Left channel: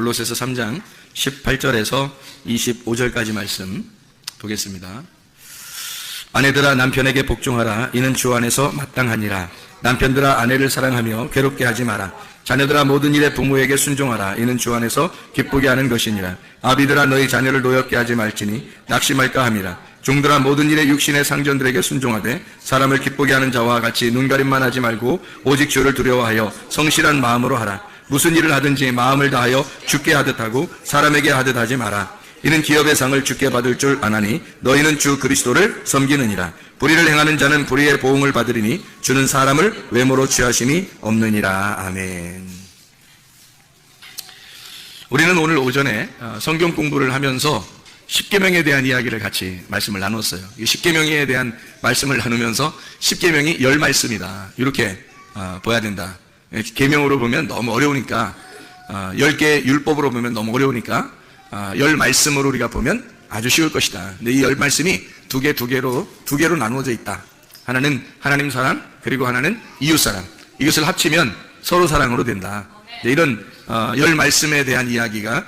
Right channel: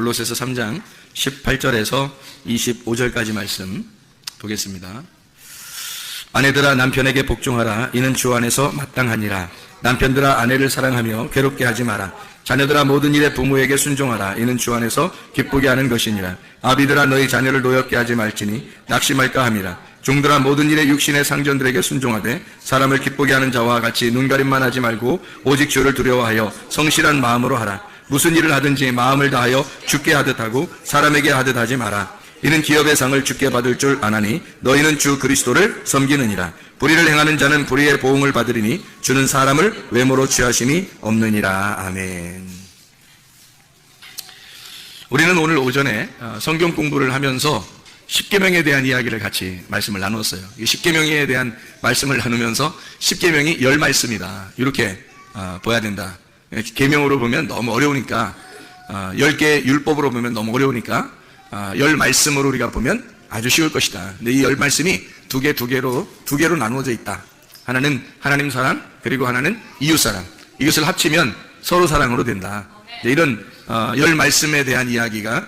골로새서 3장 18절에서 25절까지 말씀 보겠습니다. 아내들아 남편에게 복종하라. 이는 주 안에서 마땅하니라. 남편들아 아내를 사랑하며 괴롭게 하지 마라. 자녀들아 모든 일에 부모에게 순종하라. 이는 주 안에서 기쁘게 하는 것이니라. 아비들아 너희 자녀를 노엽게 하지 말지니 낙심할까 함이라. 종들아 모든 일에 육신의 상전들에게 순종하되 사람을 기쁘게 하는 자와 같이 눈가림만 하지 말고 오직 주를 두려워하여 성실한 마음으로 하라. 무슨 일을 하든지 마음을 다하여 주께 하듯 하고 사람에게 하듯 하지 마라. 이는 기업의 상을 주께 받을 줄 아나니 너희는 주 그리스도를 섬기느니라. 불의를 행하는 자는 불의의 보응을 받으리니 주는 사람을 외모로 취하심이 없느니라. 아멘. 우리는 오늘 오전에 성경 공부를 하면서 십계명에 대한 이야기를 같이 말씀을 나눴어요. 이 십계명에 대한 말씀을 나누면서 십계명이 10말씀이다. 이렇게 봐야 된다. 계명으로 보면 너무 어려우니까 10개 율법으로 보면 너무 어려우니까 10말씀으로 우리가 보면 아주 쉬울 것이다. 근데 이 10말씀이 두 개로 나누어져 있다. 하나는 하나님 사랑, 그리고 하나는 이웃 사랑. 이것을 합치면 서로 사랑으로 된다. 이런 10말씀에 대한 이야기가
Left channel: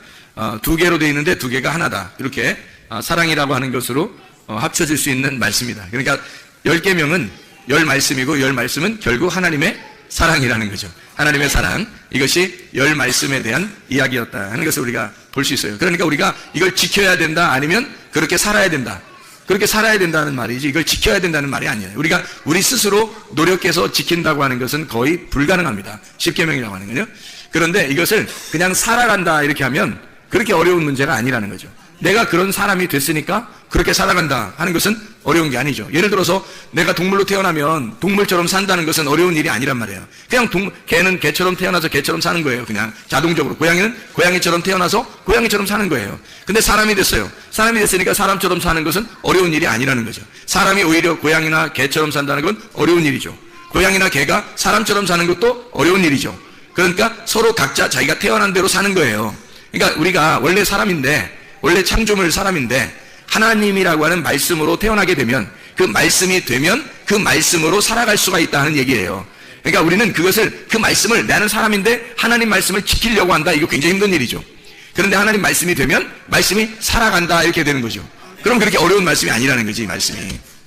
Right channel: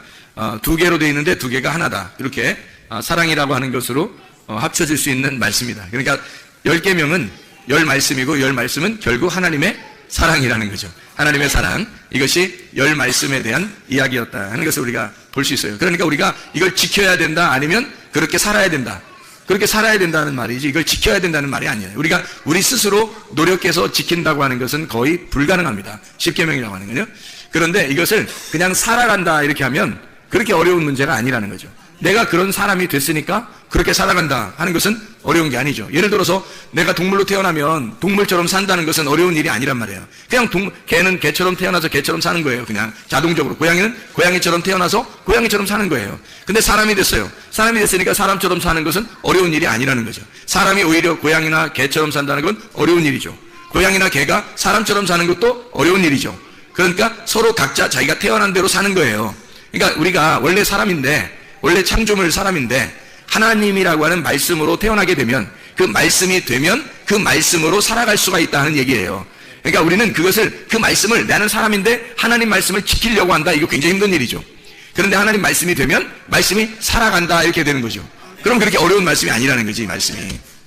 두 개로 되어 있는데 두 개가 하나다. 이렇게 사랑이라고 하는 것으로 합쳐질 수 있는 말씀이다. 그러니까 10계명은 10말씀이고 10말씀은 결국 하나님의 사랑이라는 거죠. 하나님의 사랑, 이것이 10말씀에 대한 이야기였다 하는 것을 우리가 볼 수 있어요. 그러니까 우리가 이걸 지켜야 된다, 아니면 그렇게 살아야 된다. 그렇게 살아야 된다는 말이지 이걸 지켜야 된다는 말이 아니에요. 우리가 우리 스스로 노력해서 지킨다고 하는 것은 거의 불가능합니다. 십계명이라고 하는 거요. 그런데 이것을 그냥 살아간다 이렇게 하면 그렇게 어려운 문제가 아니라는 거죠. 내가 그런 사람이 됐으니까 그렇게 살아간다 하는 것은 어려운 게 아니죠. 예를 들어서 내가 동물로 태어나면 동물처럼 산다는 것은 어려운 일이 아니란 말이에요. 그냥 개는 개처럼 태어나서 개처럼 사는 거예요. 그냥 자동적으로. 고양이는 고양이처럼 태어나서 고양이처럼 사는 거예요. 근데 사람이 됐어요. 사람이 됐으니까 사람처럼 사는 것은 어려운 일이 아니라는 거죠. 사람이 오히려 고양이나 개처럼 산다는 건 어려운 일이죠. 고양이나 개가 사람처럼 사는 것도 어려운 일이죠. 그러니까 서로 각자 자기가 태어난 대로 사는 거예요. 그러니까 우리가 원래 사람인데, 원래 창조물 사람인데 하나님이라고 하는 말씀으로 태어나게 되면 그 말씀이 되면 그 말씀으로 살아갈 수가 있다는 얘기예요. 그러니까 우리는 그것을, 그 말씀을, 나는 사람인데 하나님 말씀을 지키려고 한다. 이거 굉장히 힘든 일이죠. 그런데 하나님 말씀이 되면 말씀이 살아간다 이렇게 되는 거죠. 그럼 그렇게 어려운 말씀이 아니라는 거지, 이 말씀이.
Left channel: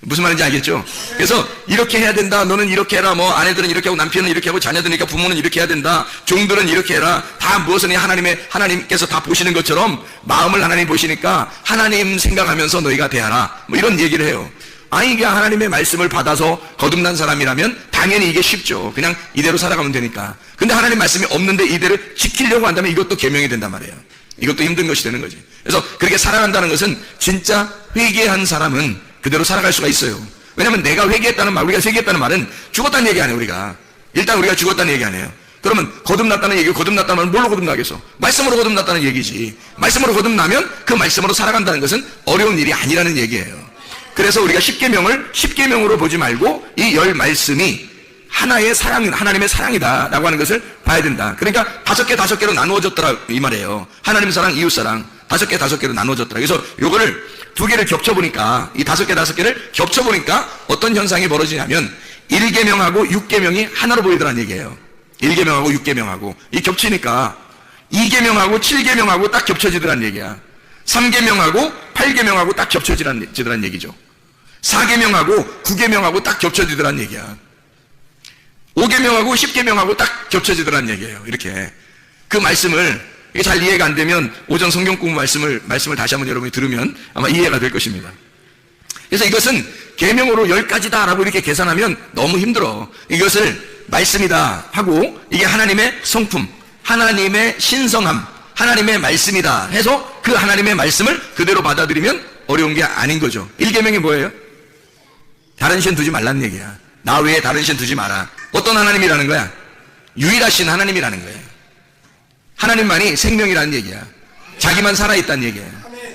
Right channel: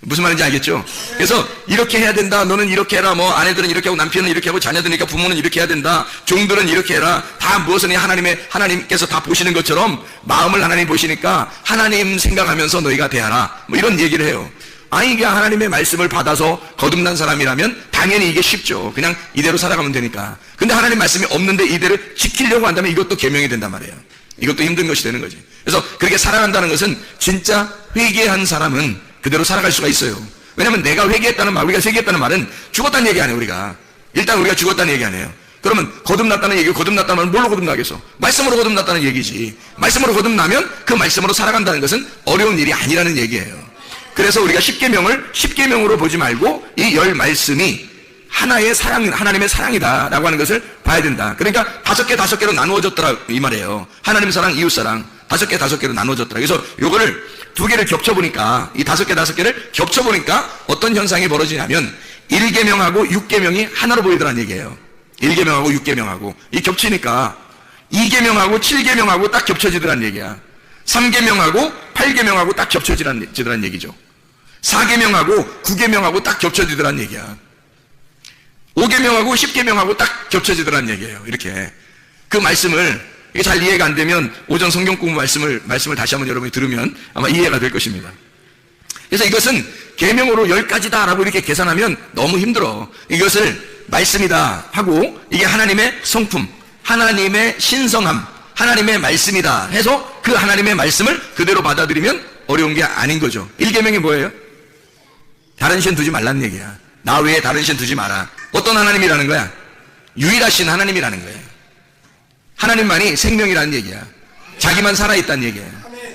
무슨 말인지 알겠죠? 그래서 이렇게 해야 된다. 너는 이렇게 해라. 뭐 아내들은 이렇게 하고 남편은 이렇게 하고 자녀들이니까 부모는 이렇게 해야 된다. 종들은 이렇게 해라. 다 무엇은 하나님께서 다 보시는 것처럼 마음을 하나님 보시니까 하나님 생각하면서 너희가 대하라. 뭐 이런 얘기를 해요. 아니 이게 하나님의 말씀을 받아서 거듭난 사람이라면 당연히 이게 쉽죠. 그냥 이대로 살아가면 되니까. 근데 하나님 말씀이 없는데 이대로 지키려고 한다면 이것도 계명이 된단 말이에요. 이것도 힘든 것이 되는 거죠. 그래서 그렇게 살아간다는 것은 진짜 회개한 사람은 그대로 살아갈 수가 있어요. 왜냐면 내가 회개했다는 말, 우리가 회개했다는 말은 죽었다는 얘기 아니에요, 우리가. 일단 우리가 죽었다는 얘기 아니에요. 그러면 거듭났다는 얘기, 거듭났다는 말은 뭘로 거듭나겠어? 말씀으로 거듭났다는 얘기지. 말씀으로 거듭나면 그 말씀으로 살아간다는 것은 어려운 일이 아니라는 얘기예요. 그래서 우리가 십계명으로 보지 말고 이 10말씀이 하나의 사랑, 하나님의 사랑이다 라고 하는 것을 봐야 된다. 그러니까 5개로 나누어졌더라 이 말이에요. 하나님 사랑, 이웃 사랑 5개로 나누어졌더라. 그래서 요거를 2개를 겹쳐보니까, 이 5개를 겹쳐보니까 어떤 현상이 벌어지냐면 1계명하고 6계명이 하나로 보이더란 얘기예요. 1계명하고 6계명하고 이 겹치니까 2계명하고 7계명하고 딱 겹쳐지더란 얘기야. 3계명하고 8계명하고 딱 겹쳐지더란 얘기죠. 4계명하고 9계명하고 딱 겹쳐지더란 얘기야. 5계명하고 10계명하고 딱 겹쳐지더란 얘기예요. 이렇게. 그 말씀을, 이게 잘 이해가 안 되면 오전 성경 공부 말씀을 다시 한번 여러분이 들으면 아마 이해가 될 것입니다. 그래서 이것은 계명으로 10가지다 라고 이렇게 계산하면 너무 힘들어. 이것을 말씀이다 하고 이게 하나님의 성품, 하나님의 신성함, 하나님의 말씀이다 해서 그 하나님의 말씀을 그대로 받아들이면 어려운 게 아닌 거죠. 1계명이 뭐예요? 다른 신 두지 말라는 얘기야. 나 외에 다른 신 두지 마라. 어떤 하나님이라는 거야? 유일하신 하나님이라는 거예요. 하나님만이 생명이라는 얘기야. 자기만 살아있다는 얘기야.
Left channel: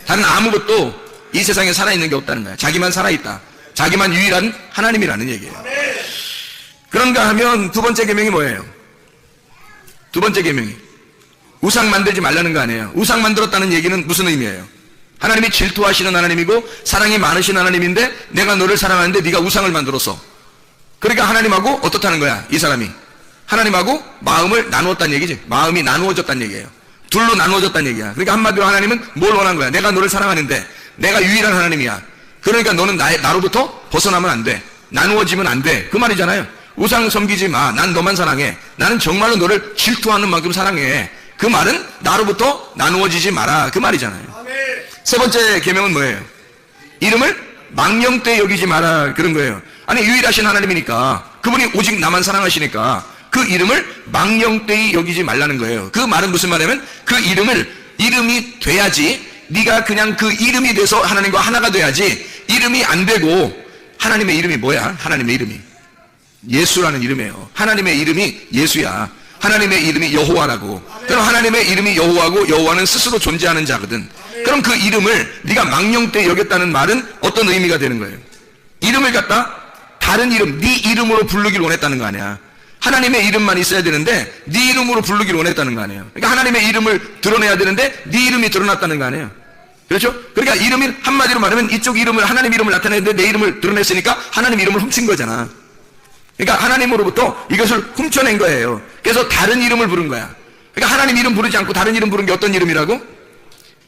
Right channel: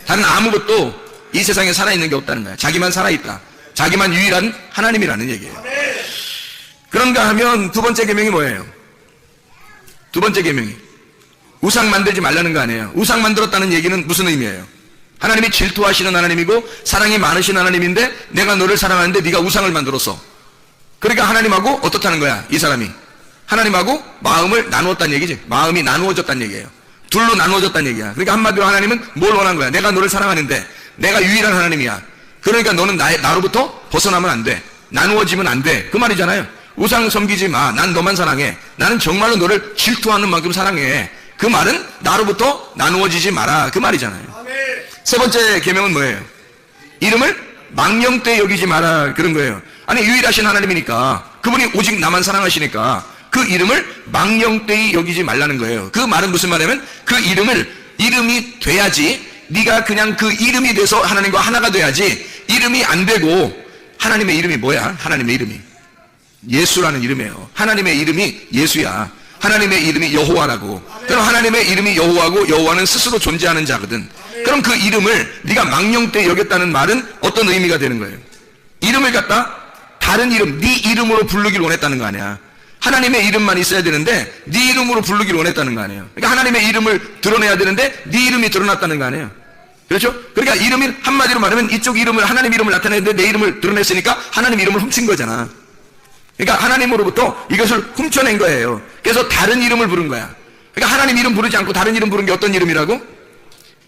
다른 아무것도 이 세상에 살아있는 게 없다는 거야. 자기만 살아있다. 자기만 유일한 하나님이라는 얘기예요. 그런가 하면 두 번째 계명이 뭐예요? 두 번째 계명이 우상 만들지 말라는 거 아니에요. 우상 만들었다는 얘기는 무슨 의미예요? 하나님이 질투하시는 하나님이고 사랑이 많으신 하나님인데 내가 너를 사랑하는데 네가 우상을 만들었어. 그러니까 하나님하고 어떻다는 거야? 이 사람이 하나님하고 마음을 나누었다는 얘기지. 마음이 나누어졌다는 얘기예요. 둘로 나누어졌다는 얘기야. 그러니까 한마디로 하나님은 뭘 원한 거야? 내가 너를 사랑하는데 내가 유일한 하나님이야. 그러니까 너는 나로부터 벗어나면 안 돼. 나누어지면 안 돼. 그 말이잖아요. 우상 섬기지 마. 난 너만 사랑해. 나는 정말로 너를 질투하는 만큼 사랑해. 그 말은 나로부터 나누어지지 마라. 그 말이잖아요. 세 번째 계명은 뭐예요? 이름을 망령되이 여기지 마라. 그런 거예요. 아니 유일하신 하나님이니까 그분이 오직 나만 사랑하시니까 그 이름을 망령되이 여기지 말라는 거예요. 그 말은 무슨 말이냐면 그 이름이 돼야지 네가 그냥 그 이름이 돼서 하나님과 하나가 돼야지 이름이 안 되고 하나님의 이름이 뭐야? 하나님의 이름이 예수라는 이름이에요. 하나님의 이름이 예수야. 하나님의 이름이 여호와라고. 그럼 하나님의 이름이 여호와고 여호와는 스스로 존재하는 자거든. 그럼 그 이름을 네가 망령되이 여겼다는 말은 어떤 의미가 되는 거예요? 이름을 갖다 다른 이름, 네 이름으로 부르기를 원했다는 거 아니야. 하나님의 이름만 있어야 되는데 네 이름으로 부르기를 원했다는 거 아니에요. 그러니까 하나님의 이름을 드러내야 되는데 네 이름이 드러났다는 거 아니에요. 그렇죠? 그러니까 이름이 한마디로 말하면 이쪽 이름을 하나님 이름을 나타내는데 내 이름을 드러냈으니까 하나님 이름을 훔친 거잖아. 그러니까 하나님으로부터 이것을 훔쳐낸 거예요. 그래서 다른 이름을 부른 거야. 그러니까 하나님 이름 부르지 않고 다른 이름 부른 게 어떤 이름이라고?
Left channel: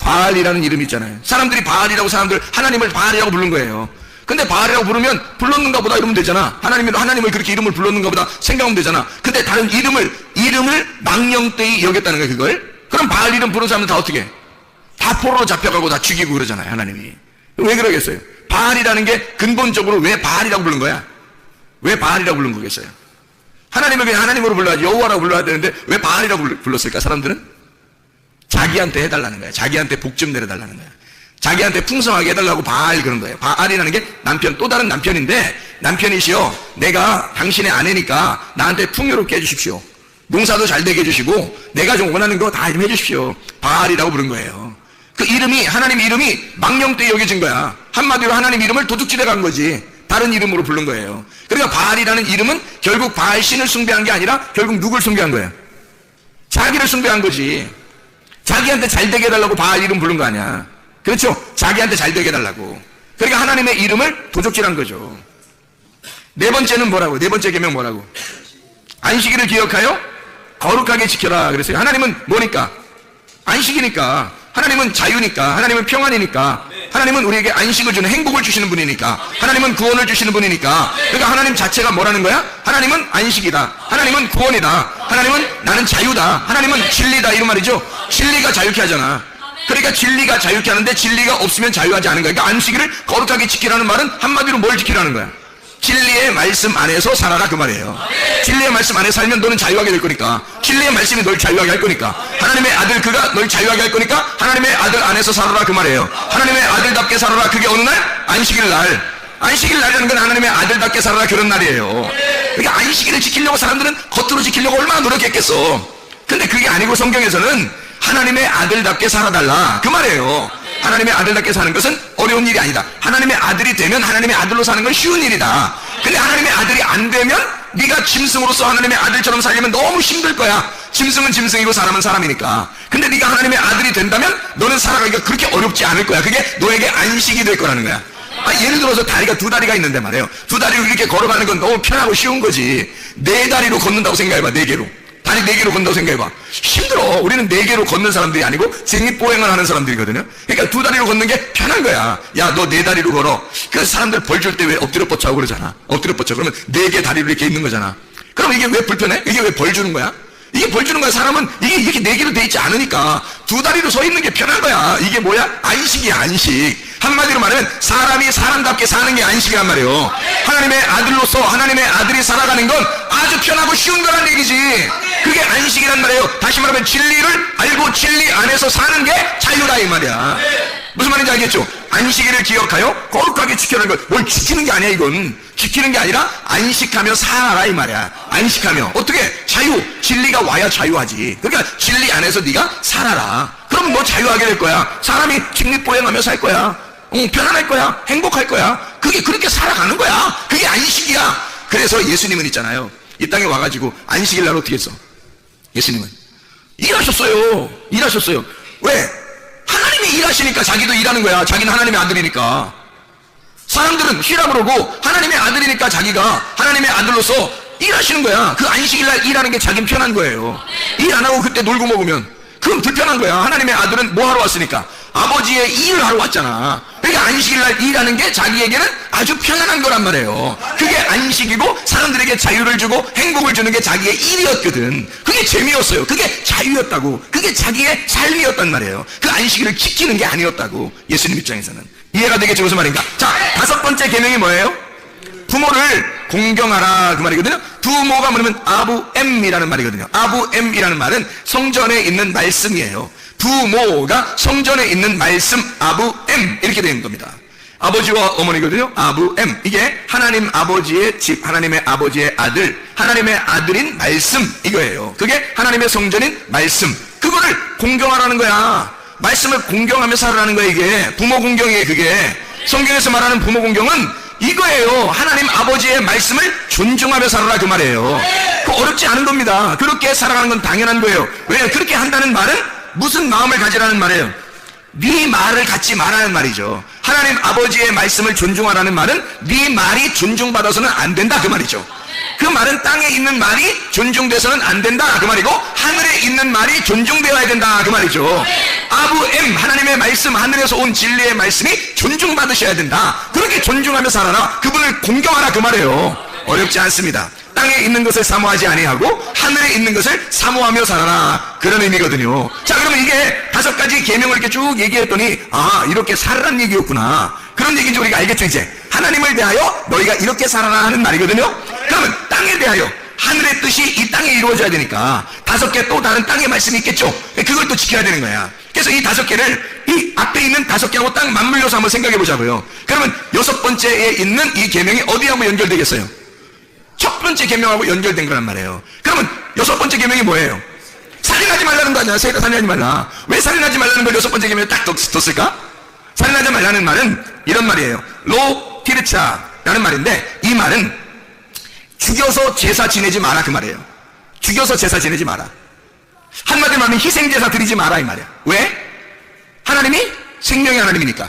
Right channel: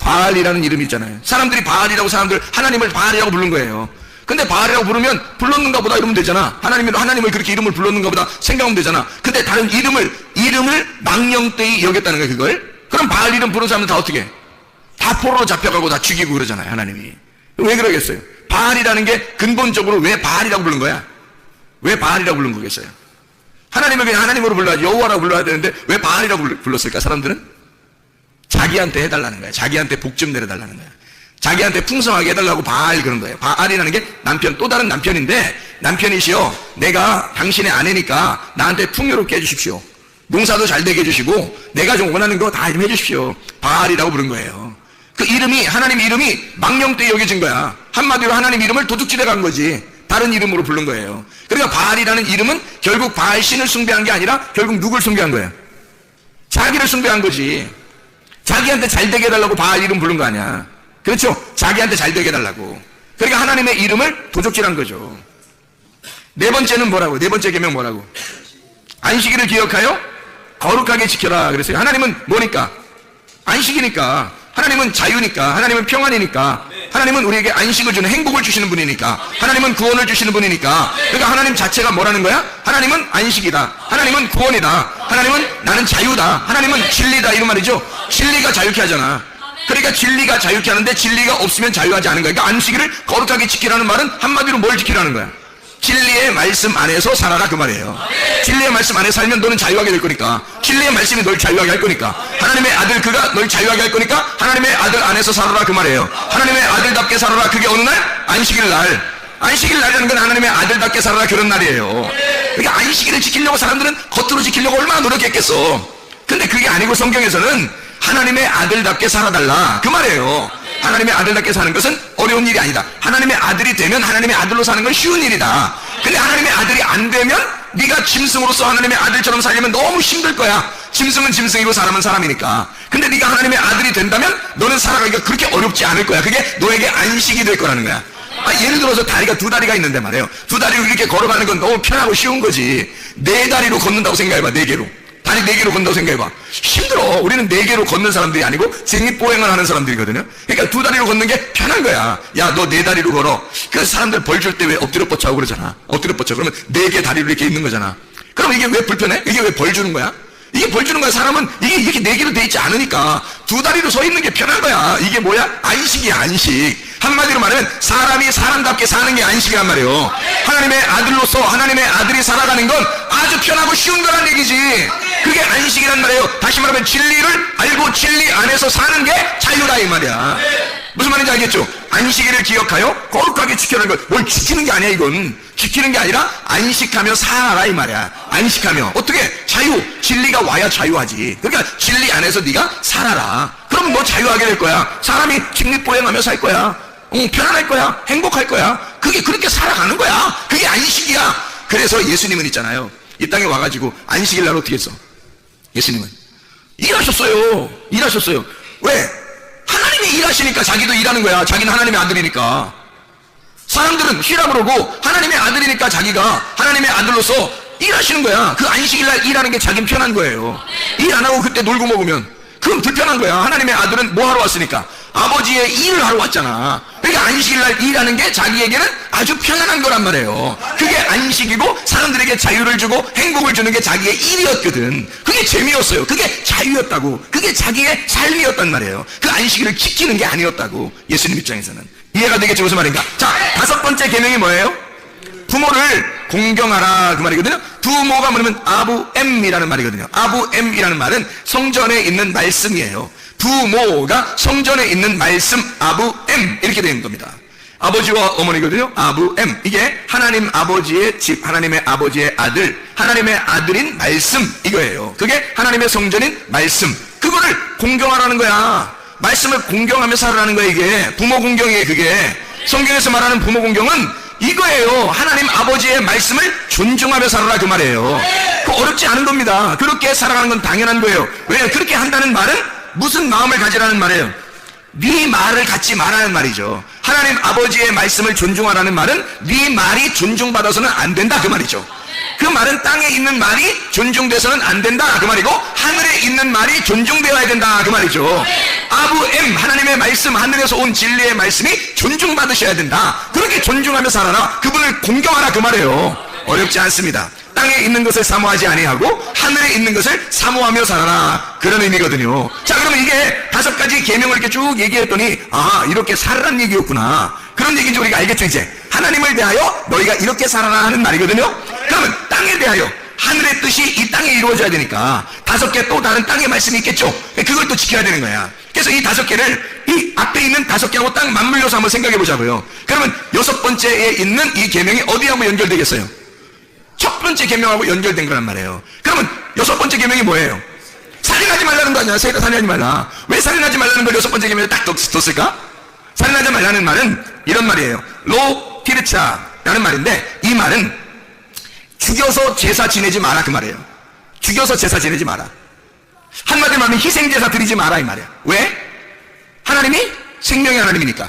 바알이라는 이름이 있잖아요. 사람들이 바알이라고 하나님을 바알이라고 부른 거예요. 근데 바알이라고 부르면 불렀는가 보다 이러면 되잖아. 하나님을 그렇게 이름을 불렀는가 보다 생각하면 되잖아. 근데 다른 이름을 망령되이 여겼다는 거야, 그걸. 그럼 바알 이름 부른 사람은 다 어떻게 해? 다 포로로 잡혀가고 다 죽이고 그러잖아요, 하나님이. 왜 그러겠어요? 바알이라는 게 근본적으로 왜 바알이라고 부른 거야? 왜 바알이라고 부른 거겠어요? 하나님을 그냥 하나님으로 불러야지, 여호와라고 불러야 되는데 왜 바알이라고 불렀을까, 사람들은? 자기한테 해달라는 거야. 자기한테 복 좀 내려달라는 거야. 자기한테 풍성하게 해달라고 바알 그런 거예요. 바알이라는 게 남편, 또 다른 남편인데, 남편이시여, 내가 당신의 아내니까 나한테 풍요롭게 해주십시오. 농사도 잘 되게 해주시고 내가 좀 원하는 거 다 좀 해주십시오. 바알이라고 부른 거예요. 그 이름이, 하나님 이름이 망령되이 여겨진 거야. 한마디로 하나님 이름을 도둑질해 간 거지. 다른 이름으로 부른 거예요. 그러니까 바알이라는 이름은 결국 바알 신을 숭배한 게 아니라 결국 누굴 숭배한 거예요? 자기를 숭배한 거지. 자기한테 잘 되게 해달라고 바알 이름 부른 거 아니야. 그렇죠? 자기한테 잘 되게 해달라고. 그러니까 하나님의 이름을 도적질한 거죠. 네 번째는 뭐라고? 네 번째 계명 뭐라고? 안식일을 기억하여 거룩하게 지켜라 그랬어요. 하나님은 뭐니까? 안식이니까. 하나님은 자유니까. 하나님은 평안이니까. 하나님은 우리에게 안식을 주는, 행복을 주시는 분이니까. 하나님은 구원을 주시는 분이니까. 그러니까 하나님 자체가 뭐라는 거야? 하나님은 안식이다. 하나님은 구원이다. 하나님은 나는 자유다. 하나님은 진리다. 이런 말이죠. 진리가 자유케 하잖아. 그러니까 진리가 자유케 하는데 진리가 없으면 자유하지 않은 거야. 그러니까 안식일을 거룩하게 지키라는 말은 한마디로 뭘 지키라는 거야? 진리의 말씀 안에서 살아라 그 말이에요. 진리의 말씀 안에 살면 너는 자유하게 될 거니까. 진리의 말씀이 널 자유하게 할 거니까. 하나님의 아들 그가 널 자유하게 할 거니까 하나님의 아들 안에서 살아라 그 말이에요. 하나님의 아들답게 살아라. 그게 어느 날? 안식일 날. 안식일 날이라는 건 하나님의 아들답게 살아라 그런 날이에요. 그러니까 안식일을 지키려고 사람들은 겉으로 지키려고 얼마나 노력했겠어. 근데 그게 아니고 성경에서는 하나님의 아들답게 살아달라 그 말이에요. 하나님의 아들답게 사는 것은 어려운 일이 아니다. 하나님의 아들이 되면 하나님의 아들로 사는 건 쉬운 일이다. 근데 하나님의 아들이 안 되면 네가 짐승으로서 하나님의 아들처럼 살려면 너무 힘들 거야. 짐승은 짐승으로 살아면 사람이니까. 근데 네가 하나님의 아들이 된다면 너는 살아가기가 그렇게 어렵지 않을 거야. 그게 너에게 안식이 될 거라는 거야. 예를 들어서 다리가 두 다리가 있는데 말이에요. 두 다리로 이렇게 걸어가는 건 너무 편하고 쉬운 거지. 네 다리로 걷는다고 생각해봐. 네 개로. 다리 네 개로 걷는다고 생각해봐. 힘들어. 우리는 네 개로 걷는 사람들이 아니고 쟁립보행을 하는 사람들이거든요. 그러니까 두 다리로 걷는 게 편한 거야. 야, 너 네 다리로 걸어. 그 사람들 벌 줄 때 왜 엎드려 뻗쳐하고 그러잖아. 엎드려 뻗쳐. 그러면 네 개 다리로 이렇게 있는 거잖아. 그럼 이게 왜 불편해? 이게 왜 벌 주는 거야? 이게 벌 주는 거야. 사람은 이게 이렇게 네 개로 돼 있지 않으니까 두 다리로 서 있는 게 편한 거야. 이게 뭐야? 안식이야, 안식. 한마디로 말하면 사람이 사람답게 사는 게 안식이란 말이에요. 하나님의 아들로서 하나님의 아들이 살아가는 건 아주 편하고 쉬운 거란 얘기지. 그게 안식이란 말이에요. 다시 말하면 진리를 알고 진리 안에서 사는 게 자유다 이 말이야. 무슨 말인지 알겠죠? 안식일을 기억하여 거룩하게 지켜라는 것. 뭘 지키는 게 아니야 이건. 지키는 게 아니라 안식하며 살아라 이 말이야. 안식하며 어떻게? 자유. 진리가 와야 자유하지. 그러니까 진리 안에서 네가 살아라. 그럼 뭐 자유하게 될 거야. 사람이 직립보행하며 살 거야. 편안할 거야. 행복할 거야. 그게 그렇게 살아가는 거야. 그게 안식이야. 그래서 예수님은 있잖아요. 이 땅에 와가지고 안식일 날 어떻게 했어? 예수님은 일하셨어요. 일하셨어요. 왜? 하나님이 일하시니까 자기도 일하는 거야. 자기는 하나님의 아들이니까. 사람들은 쉬라 그러고 하나님의 아들이니까 자기가 하나님의 아들로서 일하시는 거야. 그 안식일 날 일하는 게 자긴 편한 거예요. 일 안 하고 그때 놀고 먹으면. 그건 불편한 거야. 하나님의 아들은 뭐 하러 왔으니까? 아버지의 일을 하러 왔잖아. 그러니까 안식일날 일하는 게 자기에게는 아주 편안한 거란 말이에요. 그게 안식이고 사람들에게 자유를 주고 행복을 주는 게 자기의 일이었거든. 그게 재미였어요. 그게 자유였다고. 그게 자기의 삶이었단 말이에요. 그 안식일을 지키는 게 아니었다고. 예수님 입장에서는. 이해가 되겠죠? 무슨 말인가? 자, 5번째 계명이 뭐예요? 부모를 공경하라 그 말이거든요. 부모가 뭐냐면 아부엠이라는 말이거든요. 아부엠이라는 말은 성전에 있는 말씀이에요. 부모가 성전에 있는 말씀 아부엠 이렇게 되는 겁니다. 아버지와 어머니거든요. 아부엠. 이게 하나님 아버지의 집, 하나님의 아버지의 아들, 하나님의 아들인 말씀 이거예요. 그게 하나님의 성전인 말씀. 그거를 공경하라는 거야. 말씀을 공경하며 살아라는 거야. 이게 부모 공경이에요. 그게 성경에서 말하는 부모 공경은 이거예요. 하나님 아버지의 말씀을 존중하며 살아라 그 말이에요. 그 어렵지 않은 겁니다. 그렇게 살아가는 건 당연한 거예요. 왜냐하면 그렇게 한다는 말은 무슨 마음을 가지라는 말이에요? 네 말을 갖지 말라는 말이죠. 하나님 아버지의 말씀을 존중하라는 말은 네 말이 존중받아서는 안 된다 그 말이죠. 그 말은 땅에 있는 말이 존중돼서는 안 된다 그 말이고 하늘에 있는 말이 존중되어야 된다 그 말이죠. 아부엠 하나님의 말씀 하늘에서 온 진리의 말씀이 존중받으셔야 된다. 그렇게 존중하며 살아라. 그분을 공경하라 그 말이에요. 어렵지 않습니다. 땅에 있는 것을 사모하지 아니하고 하늘에 있는 것을 사모하며 살아라. 그런 의미거든요. 자, 그럼 이게 5가지 계명을 이렇게 쭉 얘기했더니 아 이렇게 살아라는 얘기였구나. 그런 얘기인지 우리가 알겠죠. 이제 하나님을 대하여 너희가 이렇게 살아라 하는 말이거든요. 그러면 땅에 대하여 하늘의 뜻이 이 땅에 이루어져야 되니까 5개 또 다른 땅의 말씀이 있겠죠. 그걸 또 지켜야 되는 거야. 그래서 이 5개를 이 앞에 있는 5개하고 딱 맞물려서 한번 생각해 보자고요. 그러면 6번째에 있는 이 계명이 어디하고 연결되겠어요? 첫 번째 계명하고 연결된 거란 말이에요. 그러면 6번째 계명이 뭐예요? 살인하지 말라는 거 아니야? 살인하지 말라. 왜 살인하지 말라는 걸 6번째 계명에 딱 떴을까? 살인하지 말라는 말은 이런 말이에요. 로 티르차라는 말인데 이 말은 죽여서 제사 지내지 마라 그 말이에요. 죽여서 제사 지내지 마라. 한마디로 하면 희생제사 드리지 마라 이 말이야. 왜? 하나님이 생명의 하나님이니까.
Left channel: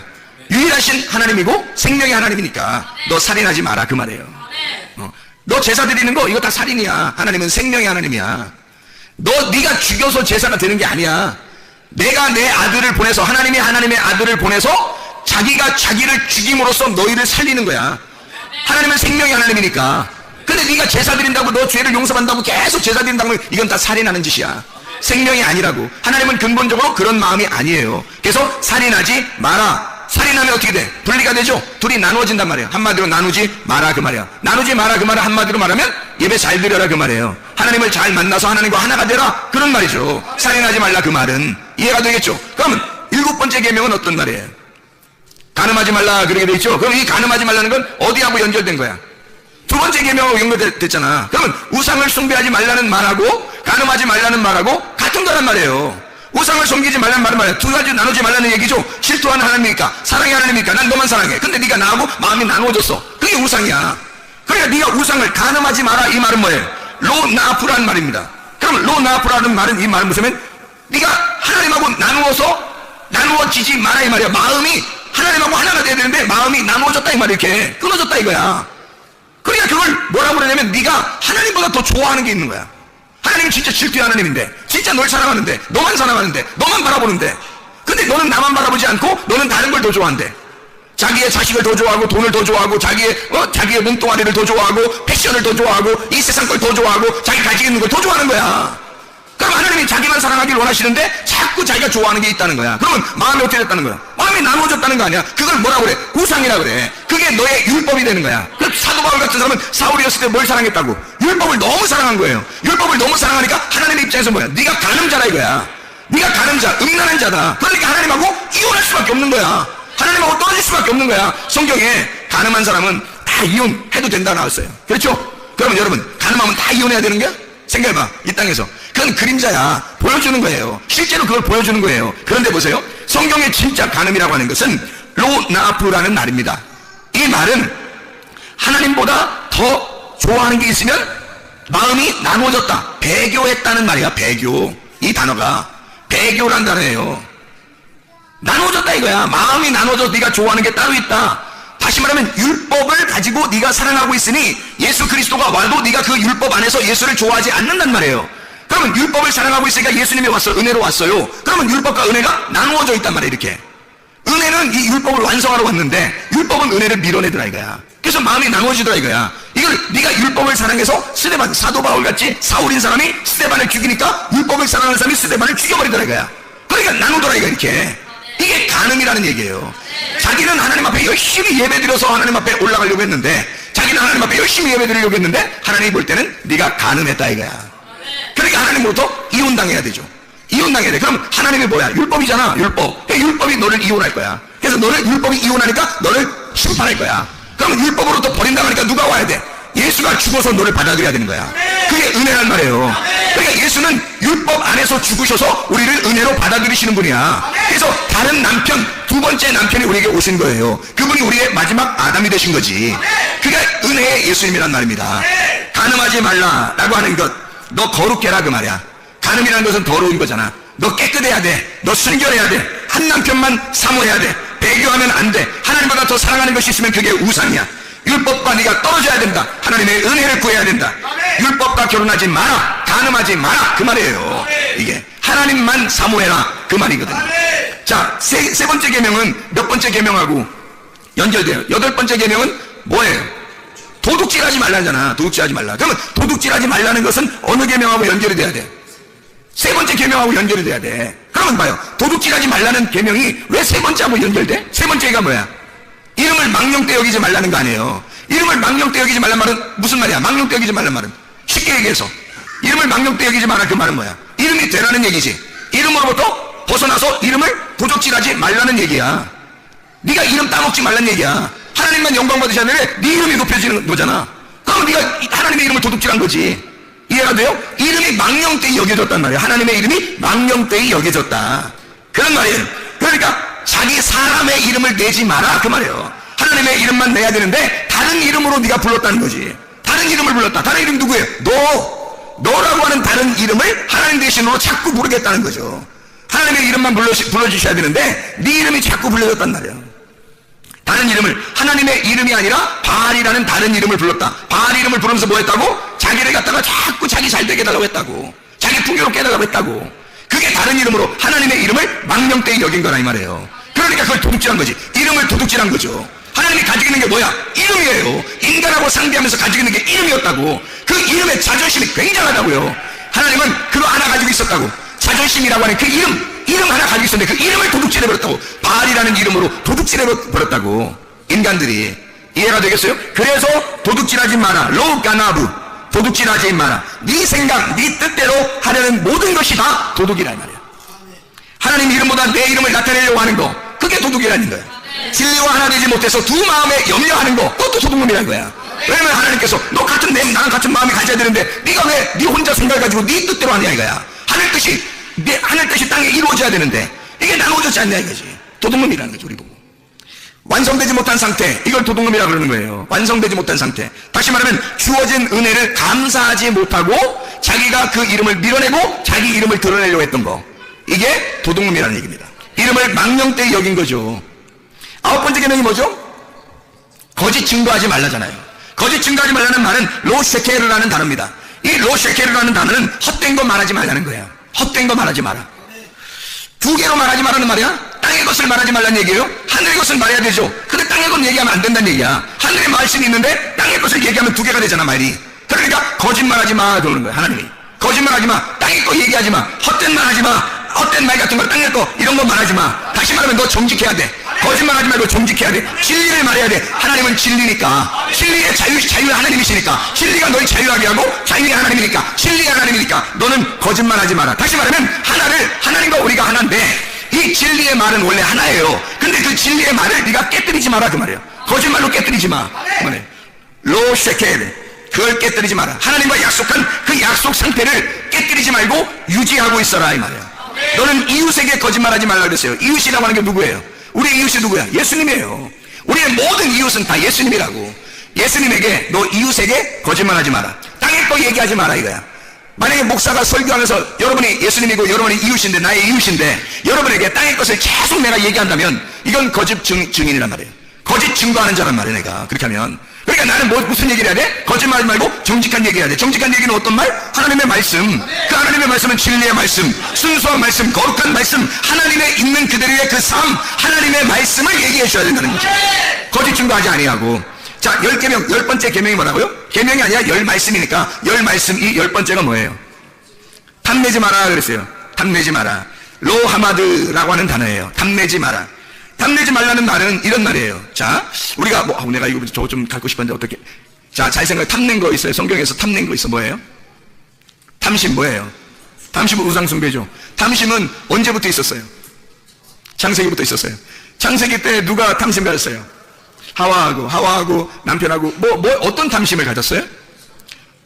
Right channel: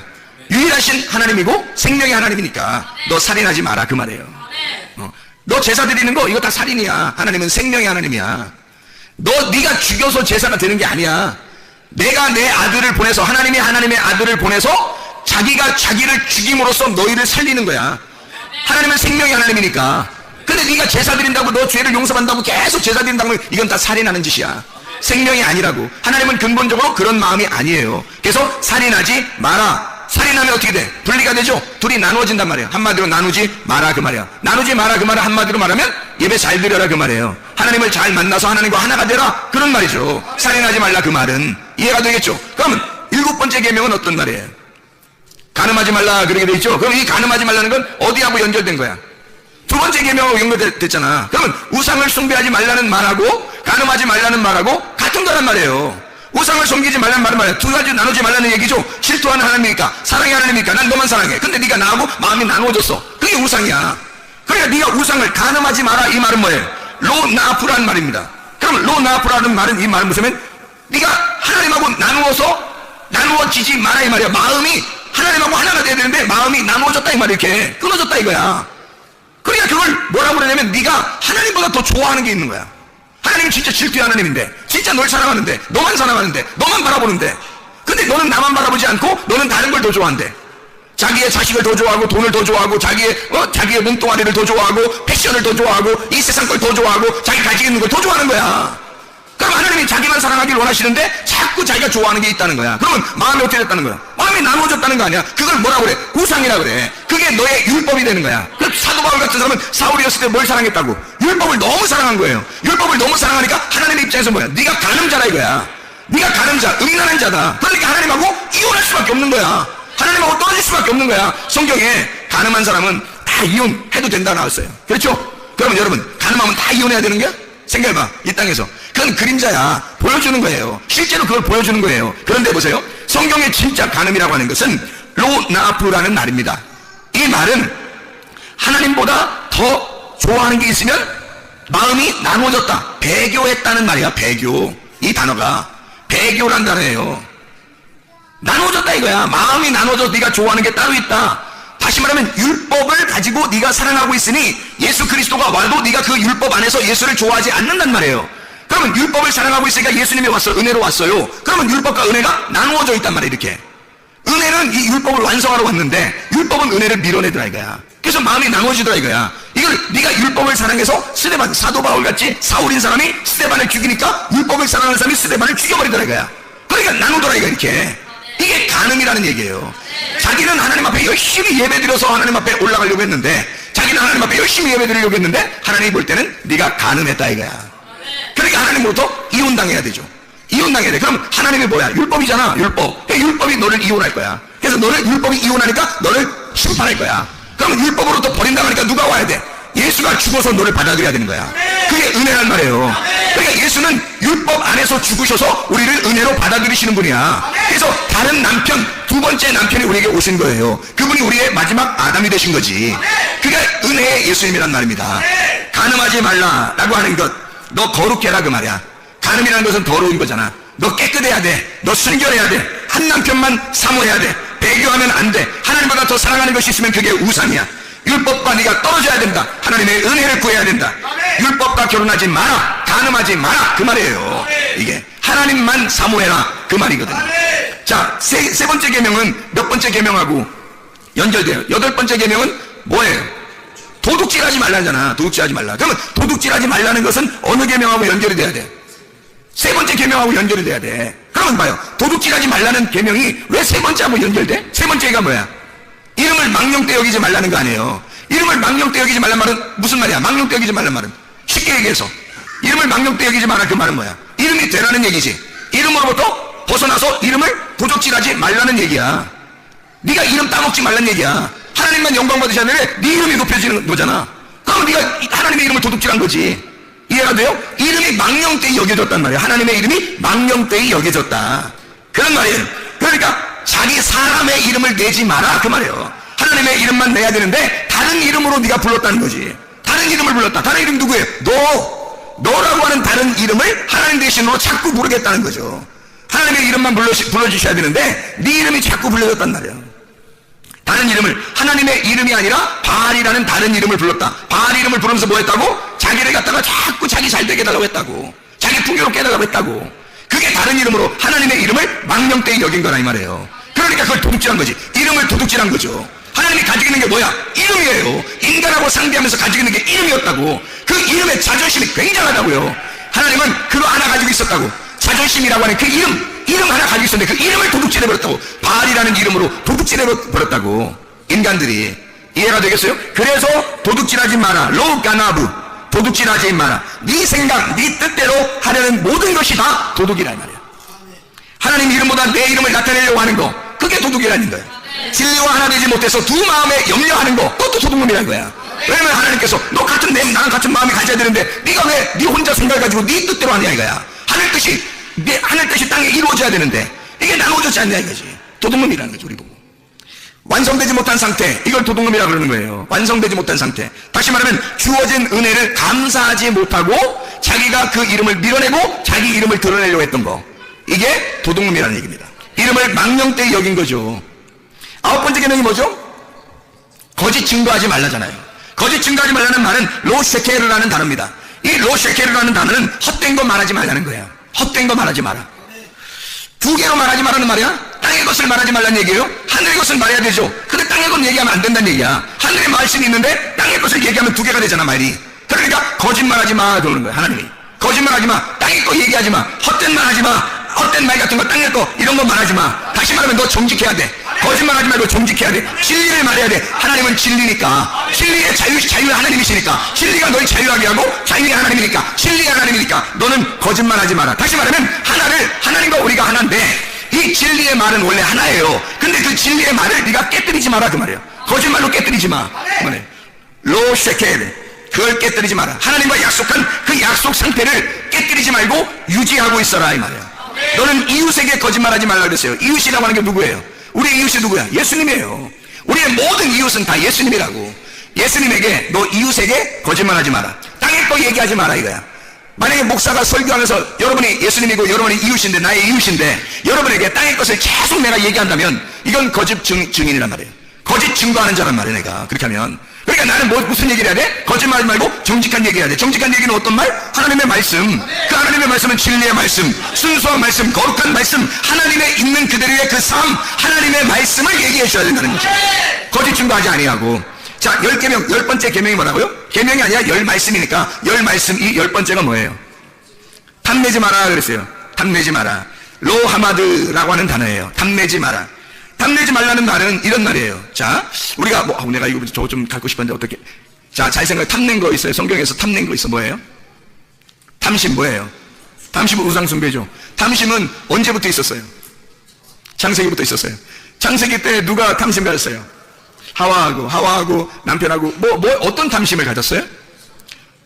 유일하신 하나님이고 생명의 하나님이니까 너 살인하지 마라 그 말이에요. 너 제사 드리는 거 이거 다 살인이야. 하나님은 생명의 하나님이야. 네가 죽여서 제사가 되는 게 아니야. 내가 내 아들을 보내서 하나님이 하나님의 아들을 보내서 자기가 자기를 죽임으로써 너희를 살리는 거야. 하나님은 생명의 하나님이니까. 근데 네가 제사 드린다고 너 죄를 용서한다고 계속 제사 드린다고 이건 다 살인하는 짓이야. 생명이 아니라고. 하나님은 근본적으로 그런 마음이 아니에요. 그래서 살인하지 마라. 살인하면 어떻게 돼? 분리가 되죠. 둘이 나누어진단 말이에요. 한마디로 나누지 마라 그 말이야. 나누지 마라 그 말을 한마디로 말하면 예배 잘 드려라 그 말이에요. 하나님을 잘 만나서 하나님과 하나가 되라 그런 말이죠. 살인하지 말라 그 말은 이해가 되겠죠. 그러면 7번째 계명은 어떤 말이에요? 간음하지 말라 그래야 되죠. 그럼 이 간음하지 말라는 건 어디하고 연결된 거야? 2번째 계명하고 연결됐잖아. 그러면 우상을 숭배하지 말라는 말하고 간음하지 말라는 말하고 같은 거란 말이에요. 우상을 섬기지 말라는 말은 말이야. 2가지 나누지 말라는 얘기죠. 질투하는 하나님이니까 사랑의 하나님이니까 난 너만 사랑해. 근데 네가 나하고 마음이 나누어졌어. 그게 우상이야. 그러니까 네가 우상을 간음하지 마라 이 말은 뭐예요? 로나프라는 말입니다. 그럼 로나프라는 말은 이 말은 무슨 네가 하나님하고 나누어지지 마라 이 말이야. 마음이 하나님하고 하나가 돼야 되는데 마음이 나누어졌다 이 말이야. 이렇게 끊어졌다 이거야. 그러니까 그걸 뭐라고 그러냐면 네가 하나님보다 더 좋아하는 게 있는 거야. 하나님은 진짜 질투의 하나님인데 진짜 널 사랑하는데 너만 사랑하는데 너만 바라보는데 근데 너는 나만 바라보지 않고 너는 다른 걸 더 좋아한대. 자기의 자식을 더 좋아하고 돈을 더 좋아하고 자기의 눈동아리를 더 좋아하고 패션을 더 좋아하고 이 세상 걸 더 좋아하고 자기 가지고 있는 걸 더 좋아하는 거야. 그럼 하나님이 자기만 사랑하길 원하시는데 자꾸 자기가 좋아하는 게 있다는 거야. 그러면 마음이 어떻게 됐다는 거야? 마음이 나누어졌다는 거 아니야. 그걸 뭐라고 그래? 우상이라 그래. 그게 너의 율법이 되는 거야. 그 사도 바울 같은 사람은 사울이었을 때 뭘 사랑했다고? 율법을 너무 사랑한 거예요. 율법을 너무 사랑하니까 하나님의 입장에서 뭐야? 네가 간음자라 이거야. 네가 간음자, 음란한 자다. 그러니까 하나님하고 이혼할 수밖에 없는 거야. 하나님하고 떨어질 수밖에 없는 거야. 성경에 간음한 사람은 다 이혼해도 된다 나왔어요. 그렇죠? 그러면 여러분 간음하면 다 이혼해야 되는 게? 생각해봐. 이 땅에서. 그건 그림자야. 보여주는 거예요. 실제로 그걸 보여주는 거예요. 그런데 보세요. 성경의 진짜 간음이라고 하는 것은 로나프라는 말입니다. 이 말은 하나님보다 더 좋아하는 게 있으면 마음이 나누어졌다. 배교했다는 말이야. 배교. 이 단어가 배교라는 단어예요. 나누어졌다 이거야. 마음이 나누어져서 네가 좋아하는 게 따로 있다. 다시 말하면 율법을 가지고 네가 사랑하고 있으니 예수 그리스도가 와도 네가 그 율법 안에서 예수를 좋아하지 않는단 말이에요. 그러면 율법을 사랑하고 있으니까 예수님이 왔어요. 은혜로 왔어요. 그러면 율법과 은혜가 나누어져 있단 말이에요. 이렇게. 은혜는 이 율법을 완성하러 왔는데 율법은 은혜를 밀어내더라 이거야. 그래서 마음이 나누어지더라 이거야. 이걸 네가 율법을 사랑해서 스데반, 사도 바울같이 사울인 사람이 스데반을 죽이니까 율법을 사랑하는 사람이 스데반을 죽여버리더라 이거야. 그러니까 나누더라 이거 이렇게. 이게 간음이라는 얘기예요. 자기는 하나님 앞에 열심히 예배드려서 하나님 앞에 올라가려고 했는데, 자기는 하나님 앞에 열심히 예배드리려고 했는데 하나님이 볼 때는 네가 간음했다 이거야. 그러니까 하나님으로부터 이혼당해야 되죠. 이혼당해야 돼. 그럼 하나님이 뭐야? 율법이잖아. 율법. 율법이 너를 이혼할 거야. 그래서 너를 율법이 이혼하니까 너를 심판할 거야. 그럼 율법으로부터 버린다고 하니까 누가 와야 돼? 예수가 죽어서 너를 받아들여야 되는 거야. 그게 은혜란 말이에요. 그러니까 예수는 율법 안에서 죽으셔서 우리를 은혜로 받아들이시는 분이야. 그래서 다른 남편, 두 번째 남편이 우리에게 오신 거예요. 그분이 우리의 마지막 아담이 되신 거지. 그게 은혜의 예수님이란 말입니다. 간음하지 말라라고 하는 것, 너 거룩게 해라 그 말이야. 간음이라는 것은 더러운 거잖아. 너 깨끗해야 돼. 너 순결해야 돼. 한 남편만 사모해야 돼. 배교하면 안 돼. 하나님보다 더 사랑하는 것이 있으면 그게 우상이야. 율법과 네가 떨어져야 된다. 하나님의 은혜를 구해야 된다. 율법과 결혼하지 마라. 간음하지 마라. 그 말이에요. 이게 하나님만 사모해라. 그 말이거든요. 자, 세 번째 계명은 몇 번째 계명하고 연결돼요. 여덟 번째 계명은 뭐예요? 도둑질하지 말라잖아. 도둑질하지 말라. 그러면 도둑질하지 말라는 것은 어느 계명하고 연결이 돼야 돼? 세 번째 계명하고 연결이 돼야 돼. 그러면 봐요. 도둑질하지 말라는 계명이 왜 세 번째하고 연결돼? 세 번째가 뭐야? 이름을 망령되 여기지 말라는 거 아니에요. 이름을 망령되 여기지 말란 말은 무슨 말이야? 망령되 여기지 말란 말은 쉽게 얘기해서 이름을 망령되 여기지 말라 그 말은 뭐야? 이름이 되라는 얘기지. 이름으로부터 벗어나서 이름을 도둑질하지 말라는 얘기야. 네가 이름 따먹지 말라는 얘기야. 하나님만 영광 받으셔야 되는데 네 이름이 높여지는 거잖아. 그럼 네가 하나님의 이름을 도둑질한 거지. 이해가 돼요? 이름이 망령되이 여겨졌단 말이야. 하나님의 이름이 망령되이 여겨졌다. 그런 말이에요. 그러니까 자기 사람의 이름을 내지 마라 그 말이에요. 하나님의 이름만 내야 되는데 다른 이름으로 네가 불렀다는 거지. 다른 이름을 불렀다. 다른 이름 누구예요? 너라고 하는 다른 이름을 하나님 대신으로 자꾸 부르겠다는 거죠. 하나님의 이름만 불러주셔야 되는데 네 이름이 자꾸 불려졌단 말이에요. 다른 이름을, 하나님의 이름이 아니라 바알이라는 다른 이름을 불렀다. 바알 이름을 부르면서 뭐 했다고? 자기를 갖다가 자꾸 자기 잘되게 해달라고 했다고. 자기 풍요롭게 해달라고 했다고. 그게 다른 이름으로 하나님의 이름을 망령되이 여긴 거라 이 말이에요. 그러니까 그걸 도둑질한 거지. 이름을 도둑질한 거죠. 하나님이 가지고 있는 게 뭐야? 이름이에요. 인간하고 상대하면서 가지고 있는 게 이름이었다고. 그 이름의 자존심이 굉장하다고요. 하나님은 그거 하나 가지고 있었다고. 자존심이라고 하는 그 이름 하나 가지고 있었는데 그 이름을 도둑질해버렸다고. 바알이라는 이름으로 도둑질해버렸다고. 인간들이. 이해가 되겠어요? 그래서 도둑질하지 마라. 로가나브. 도둑질하지 마라. 네 생각, 네 뜻대로 하려는 모든 것이 다 도둑이란 말이야. 하나님 이름보다 내 이름을 나타내려고 하는 거, 그게 도둑이라는 거야. 죄와 하나님이지 못해서 두 마음에 영려하는 거, 그것도 도둑놈이라는 거야. 왜냐면 하나님께서 너 같은 나랑 같은 마음이 가져야 되는데 네가 왜 네 혼자 생각을 가지고 네 뜻대로 하냐 이거야. 하늘 뜻이 땅에 이루어져야 되는데 이게 나누어지지 않냐 이거지. 도둑놈이라는 거죠. 우리 보고 완성되지 못한 상태, 이걸 도둑놈이라고 그러는 거예요. 완성되지 못한 상태. 다시 말하면 주어진 은혜를 감사하지 못하고 자기가 그 이름을 밀어내고 자기 이름을 드러내려고 했던 거, 이게 도둑놈이라는 얘기입니다. 이름을 망령되이 여긴 거죠. 아홉 번째 계명이 뭐죠? 거짓 증거하지 말라잖아요. 거짓 증거하지 말라는 말은 로셰케르라는 단어입니다. 이 로셰케르라는 단어는 헛된 거 말하지 말라는 거예요. 헛된 거 말하지 마라. 두 개로 말하지 말라는 말이야. 땅의 것을 말하지 말라는 얘기예요. 하늘의 것을 말해야 되죠. 근데 땅의 것 얘기하면 안 된다는 얘기야. 하늘의 말씀이 있는데 땅의 것을 얘기하면 두 개가 되잖아 말이. 그러니까 거짓말하지 마 그러는 거야. 하나님이 거짓말하지 마. 땅의 것 얘기하지 마. 헛된 말 하지 마. 헛된 말 같은 거, 땅의 거 이런 거 말하지 마. 다시 말하면 너 정직해야 돼. 거짓말하지 말고 정직해야 돼. 진리를 말해야 돼. 하나님은 진리니까. 진리의 자유가 하나님이시니까. 진리가 널 자유하게 하고 자유의 하나님이니까. 진리의 하나님이니까 너는 거짓말하지 마라. 다시 말하면 하나님과 우리가 하나인데 이 진리의 말은 원래 하나예요. 근데 그 진리의 말을 네가 깨뜨리지 마라 그 말이에요. 거짓말로 깨뜨리지 마. 로셰케르, 그걸 깨뜨리지 마라. 하나님과 약속한 그 약속 상태를 깨뜨리지 말고 유지하고 있어라 이 말이에요. 너는 이웃에게 거짓말하지 말라 그랬어요. 이웃이라고 하는 게 누구예요? 우리 이웃이 누구야? 예수님이에요. 우리의 모든 이웃은 다 예수님이라고. 예수님에게 너 이웃에게 거짓말하지 마라. 땅의 거 얘기하지 마라 이거야. 만약에 목사가 설교하면서 여러분이 예수님이고 여러분이 이웃인데, 나의 이웃인데 여러분에게 땅의 것을 계속 내가 얘기한다면 이건 거짓 증인이란 말이에요. 거짓 증거하는 자란 말이야 내가. 그렇게 하면. 그러니까 나는 무슨 얘기를 해야 돼? 거짓말 말고 정직한 얘기 해야 돼. 정직한 얘기는 어떤 말? 하나님의 말씀. 그 하나님의 말씀은 진리의 말씀, 순수한 말씀, 거룩한 말씀, 하나님의 있는 그대로의 그 삶, 하나님의 말씀을 얘기해 줘야 된다는 거죠. 거짓 증거하지 아니하고. 자, 10계명, 10번째 계명이 뭐라고요? 계명이 아니라 10말씀이니까 10말씀, 10번째가 뭐예요? 탐내지 마라 그랬어요. 탐내지 마라. 로하마드라고 하는 단어예요. 탐내지 마라. 탐내지 말라는 말은 이런 말이에요. 자, 우리가 내가 이거 저거 좀 갖고 싶었는데 어떻게? 자, 잘 생각해. 탐낸 거 있어요. 성경에서 탐낸 거 있어. 뭐예요? 탐심 뭐예요? 탐심은 우상숭배죠. 탐심은 언제부터 있었어요? 창세기부터 있었어요. 창세기 때 누가 탐심 가졌어요? 하와하고 남편하고 어떤 탐심을 가졌어요?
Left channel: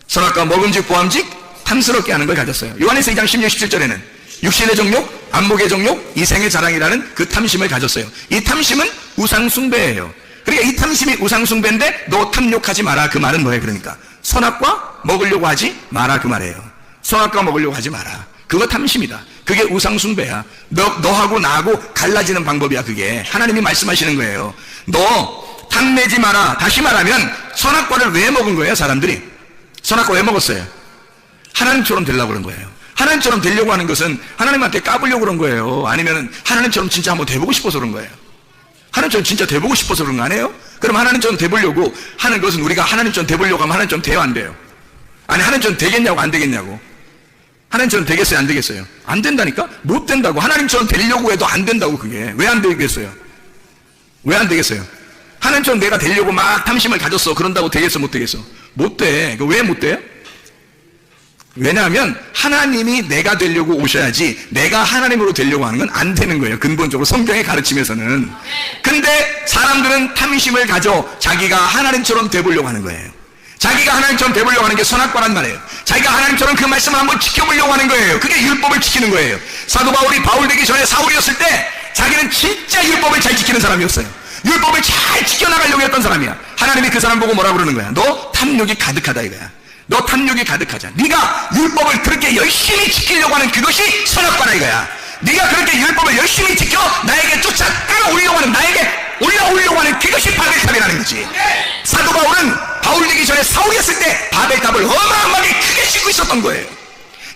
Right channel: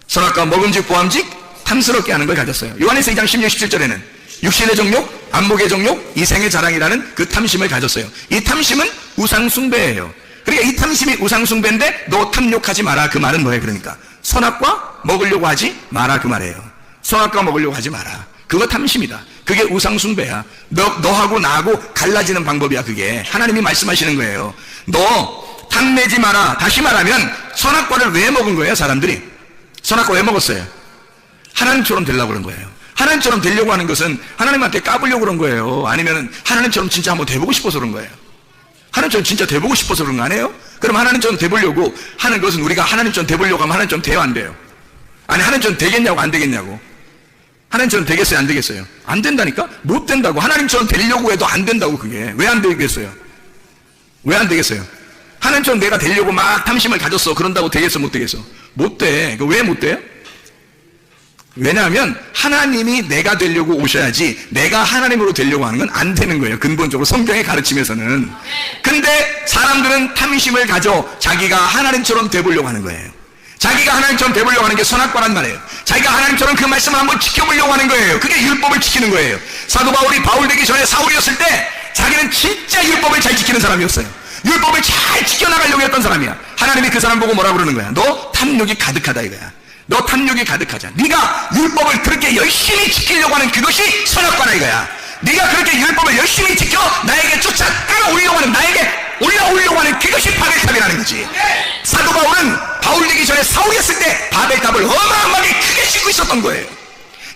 선악과 먹음직 보암직 탐스럽게 하는 걸 가졌어요. 요한에서 2장 16, 17절에는 육신의 정욕, 안목의 정욕, 인생의 자랑이라는 그 탐심을 가졌어요. 이 탐심은 우상숭배예요. 그러니까 이 탐심이 우상숭배인데 너 탐욕하지 마라. 그 말은 뭐예요? 그러니까 선악과 먹으려고 하지 마라. 그 말이에요. 선악과 먹으려고 하지 마라. 그거 탐심이다. 그게 우상숭배야. 너하고 나하고 갈라지는 방법이야. 그게 하나님이 말씀하시는 거예요. 너 탐내지 마라. 다시 말하면 선악과를 왜 먹은 거예요? 사람들이 선악과 왜 먹었어요? 하나님처럼 되려고 그런 거예요. 하나님처럼 되려고 하는 것은 하나님한테 까불려고 그런 거예요. 아니면 하나님처럼 진짜 한번 돼보고 싶어서 그런 거예요. 하나님처럼 진짜 돼보고 싶어서 그런 거 아니에요? 그럼 하나님처럼 돼보려고 하는 것은 우리가 하나님처럼 돼보려고 하면 하나님처럼 돼요, 안 돼요? 아니, 하나님처럼 되겠냐고, 안 되겠냐고. 하나님처럼 되겠어요, 안 되겠어요? 안 된다니까? 못 된다고. 하나님처럼 되려고 해도 안 된다고. 그게 왜 안 되겠어요? 왜 안 되겠어요? 하나님처럼 내가 되려고 막 탐심을 가졌어. 그런다고 되겠어, 못 되겠어? 못 돼. 왜 못 돼? 왜냐하면 하나님이 내가 되려고 오셔야지 내가 하나님으로 되려고 하는 건 안 되는 거예요. 근본적으로 성경의 가르침에서는. 근데 사람들은 탐심을 가져 자기가 하나님처럼 되보려고 하는 거예요. 자기가 하나님처럼 되보려고 하는 게 선악과란 말이에요. 자기가 하나님처럼 그 말씀을 한번 지켜보려고 하는 거예요. 그게 율법을 지키는 거예요. 사도 바울이 바울 되기 전에 사울이었을 때 자기는 진짜 율법을 잘 지키는 사람이었어요. 율법을 잘 지켜나가려고 했던 사람이야. 하나님이 그 사람 보고 뭐라고 그러는 거야? 너 탐욕이 가득하다 이거야. 너 탐욕이 가득하자. 네가 율법을 그렇게 열심히 지키려고 하는 그것이 선악과다 이거야. 네가 그렇게 율법을 열심히 지켜 나에게 쫓아오려고 하는, 나에게 올라오려고 하는 그것이 바벨탑이라는 거지. 사도 바울은 바울 되기 전에 사울이었을 때 바벨탑을 어마어마하게 크게 짓고 있었던 거예요.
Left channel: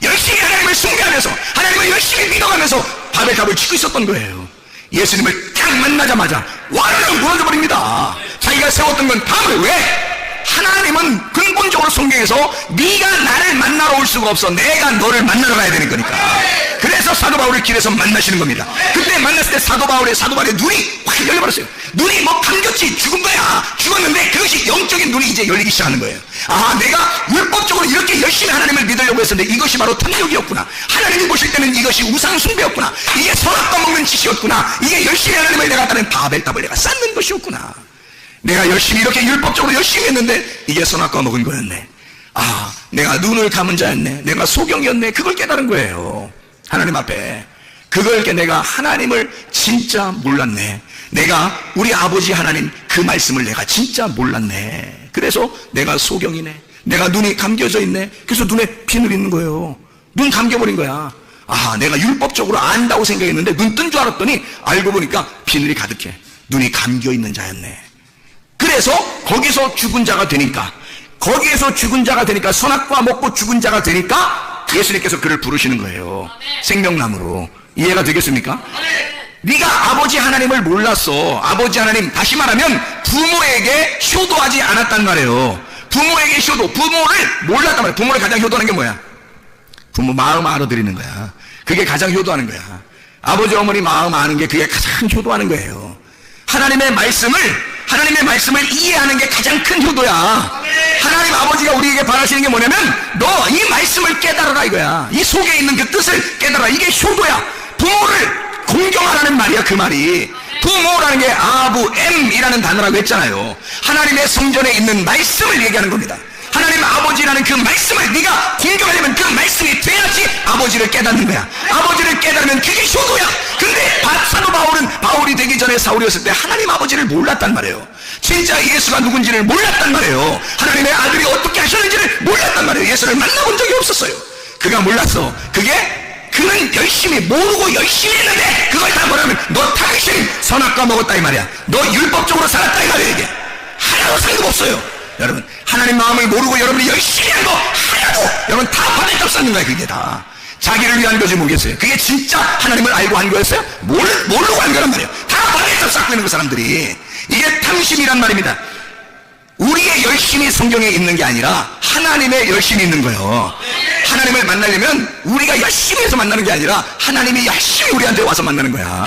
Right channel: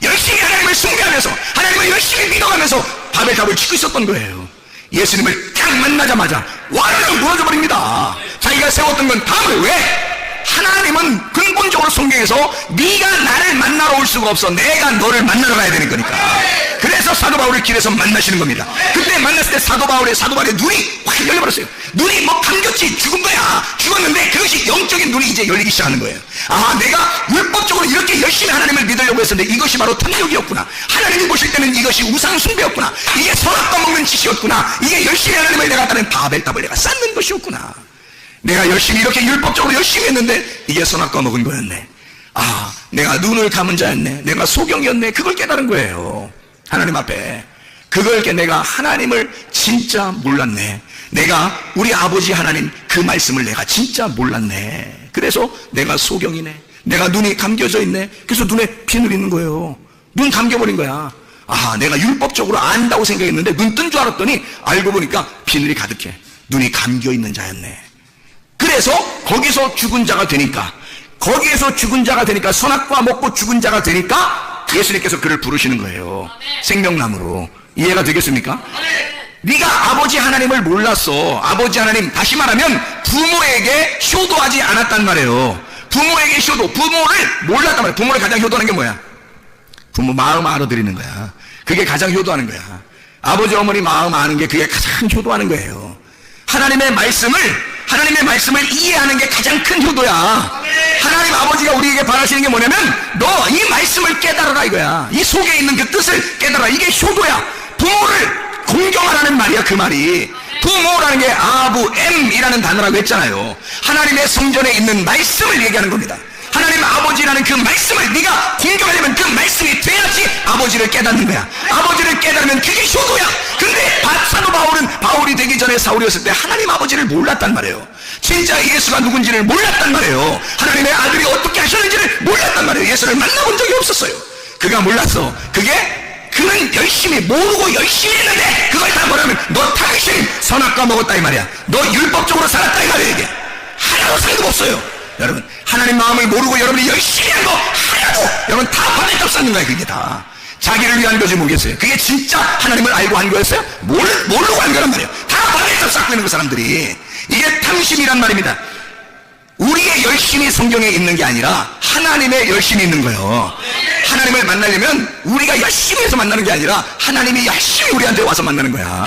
열심히 하나님을 숭배하면서 하나님을 열심히 믿어가면서 바벨탑을 치고 있었던 거예요. 예수님을 딱 만나자마자 완전히 무너져버립니다. 자기가 세웠던 건 답을 왜? 하나님은 근본적으로 성경에서 네가 나를 만나러 올 수가 없어. 내가 너를 만나러 가야 되는 거니까. 그래서 사도 바울을 길에서 만나시는 겁니다. 그때 만났을 때 사도 바울의 눈이 확 열려버렸어요. 눈이 반격시 죽은 거야. 죽었는데 그것이 영적인 눈이 이제 열리기 시작하는 거예요. 아, 내가 율법적으로 이렇게 열심히 하나님을 믿으려고 했었는데 이것이 바로 탐욕이었구나. 하나님이 보실 때는 이것이 우상숭배였구나. 이게 선악과 먹는 짓이었구나. 이게 열심히 하나님을 내가 따는 바벨탑을 내가 쌓는 것이었구나. 내가 열심히 이렇게 율법적으로 열심히 했는데 이게 선악과 먹은 거였네. 아, 내가 눈을 감은 자였네. 내가 소경이었네. 그걸 깨달은 거예요. 하나님 앞에. 그걸 내가 하나님을 진짜 몰랐네. 내가 우리 아버지 하나님 그 말씀을 내가 진짜 몰랐네. 그래서 내가 소경이네. 내가 눈이 감겨져 있네. 그래서 눈에 비늘 있는 거예요. 눈 감겨버린 거야. 아, 내가 율법적으로 안다고 생각했는데 눈 뜬 줄 알았더니 알고 보니까 비늘이 가득해. 눈이 감겨 있는 자였네. 그래서 거기서 죽은 자가 되니까, 선악과 먹고 죽은 자가 되니까 예수님께서 그를 부르시는 거예요. 생명나무로. 이해가 되겠습니까? 네가 아버지 하나님을 몰랐어. 아버지 하나님, 다시 말하면 부모에게 효도하지 않았단 말이에요. 부모에게 부모를 몰랐단 말이에요. 부모를 가장 효도하는 게 뭐야? 부모 마음 알아들이는 거야. 그게 가장 효도하는 거야. 아버지 어머니 마음 아는 게 그게 가장 효도하는 거예요. 하나님의 말씀을 이해하는 게 가장 큰 효도야. 하나님 아버지가 우리에게 바라시는 게 뭐냐면 너 이 말씀을 깨달아라 이거야. 이 속에 있는 그 뜻을 깨달아. 이게 효도야. 부모를 공경하라는 말이야. 그 말이 부모라는 게 아부엠이라는 단어라고 했잖아요. 하나님의 성전에 있는 말씀을 얘기하는 겁니다. 하나님 아버지라는 그 말씀을 네가 공경하는 그 말씀이 돼야지 아버지를 깨닫는 거야. 아버지를 깨닫는 그게 효도야. 근데 사도 바울은 바울이 되기 전에 사울이었을 때 하나님 아버지를 몰랐단 말이에요. 진짜 예수가 누군지를 몰랐단 말이에요. 하나님의 아들이 어떻게 하셨는지를 몰랐단 말이에요. 예수를 만나본 적이 없었어요. 그가 몰랐어. 그는 열심히 모르고 열심히 했는데 그걸 다 뭐냐면 너 다윗이 선악과 먹었다 이 말이야. 너 율법적으로 살았다 이 말이야. 이게 하나도 살림없어요. 여러분, 하나님 마음을 모르고 여러분이 열심히 하고 하나도 여러분 다 하나님 못 사는 거야. 그게 다 자기를 위한 거지 뭐겠어요. 그게 진짜 하나님을 알고 한 거였어요? 모르고 한 거란 말이에요. 다 머리에서 쌓고 있는 거 사람들이. 이게 탐심이란 말입니다. 우리의 열심이 성경에 있는 게 아니라 하나님의 열심이 있는 거예요. 하나님을 만나려면 우리가 열심히 해서 만나는 게 아니라 하나님이 열심히 우리한테 와서 만나는 거야.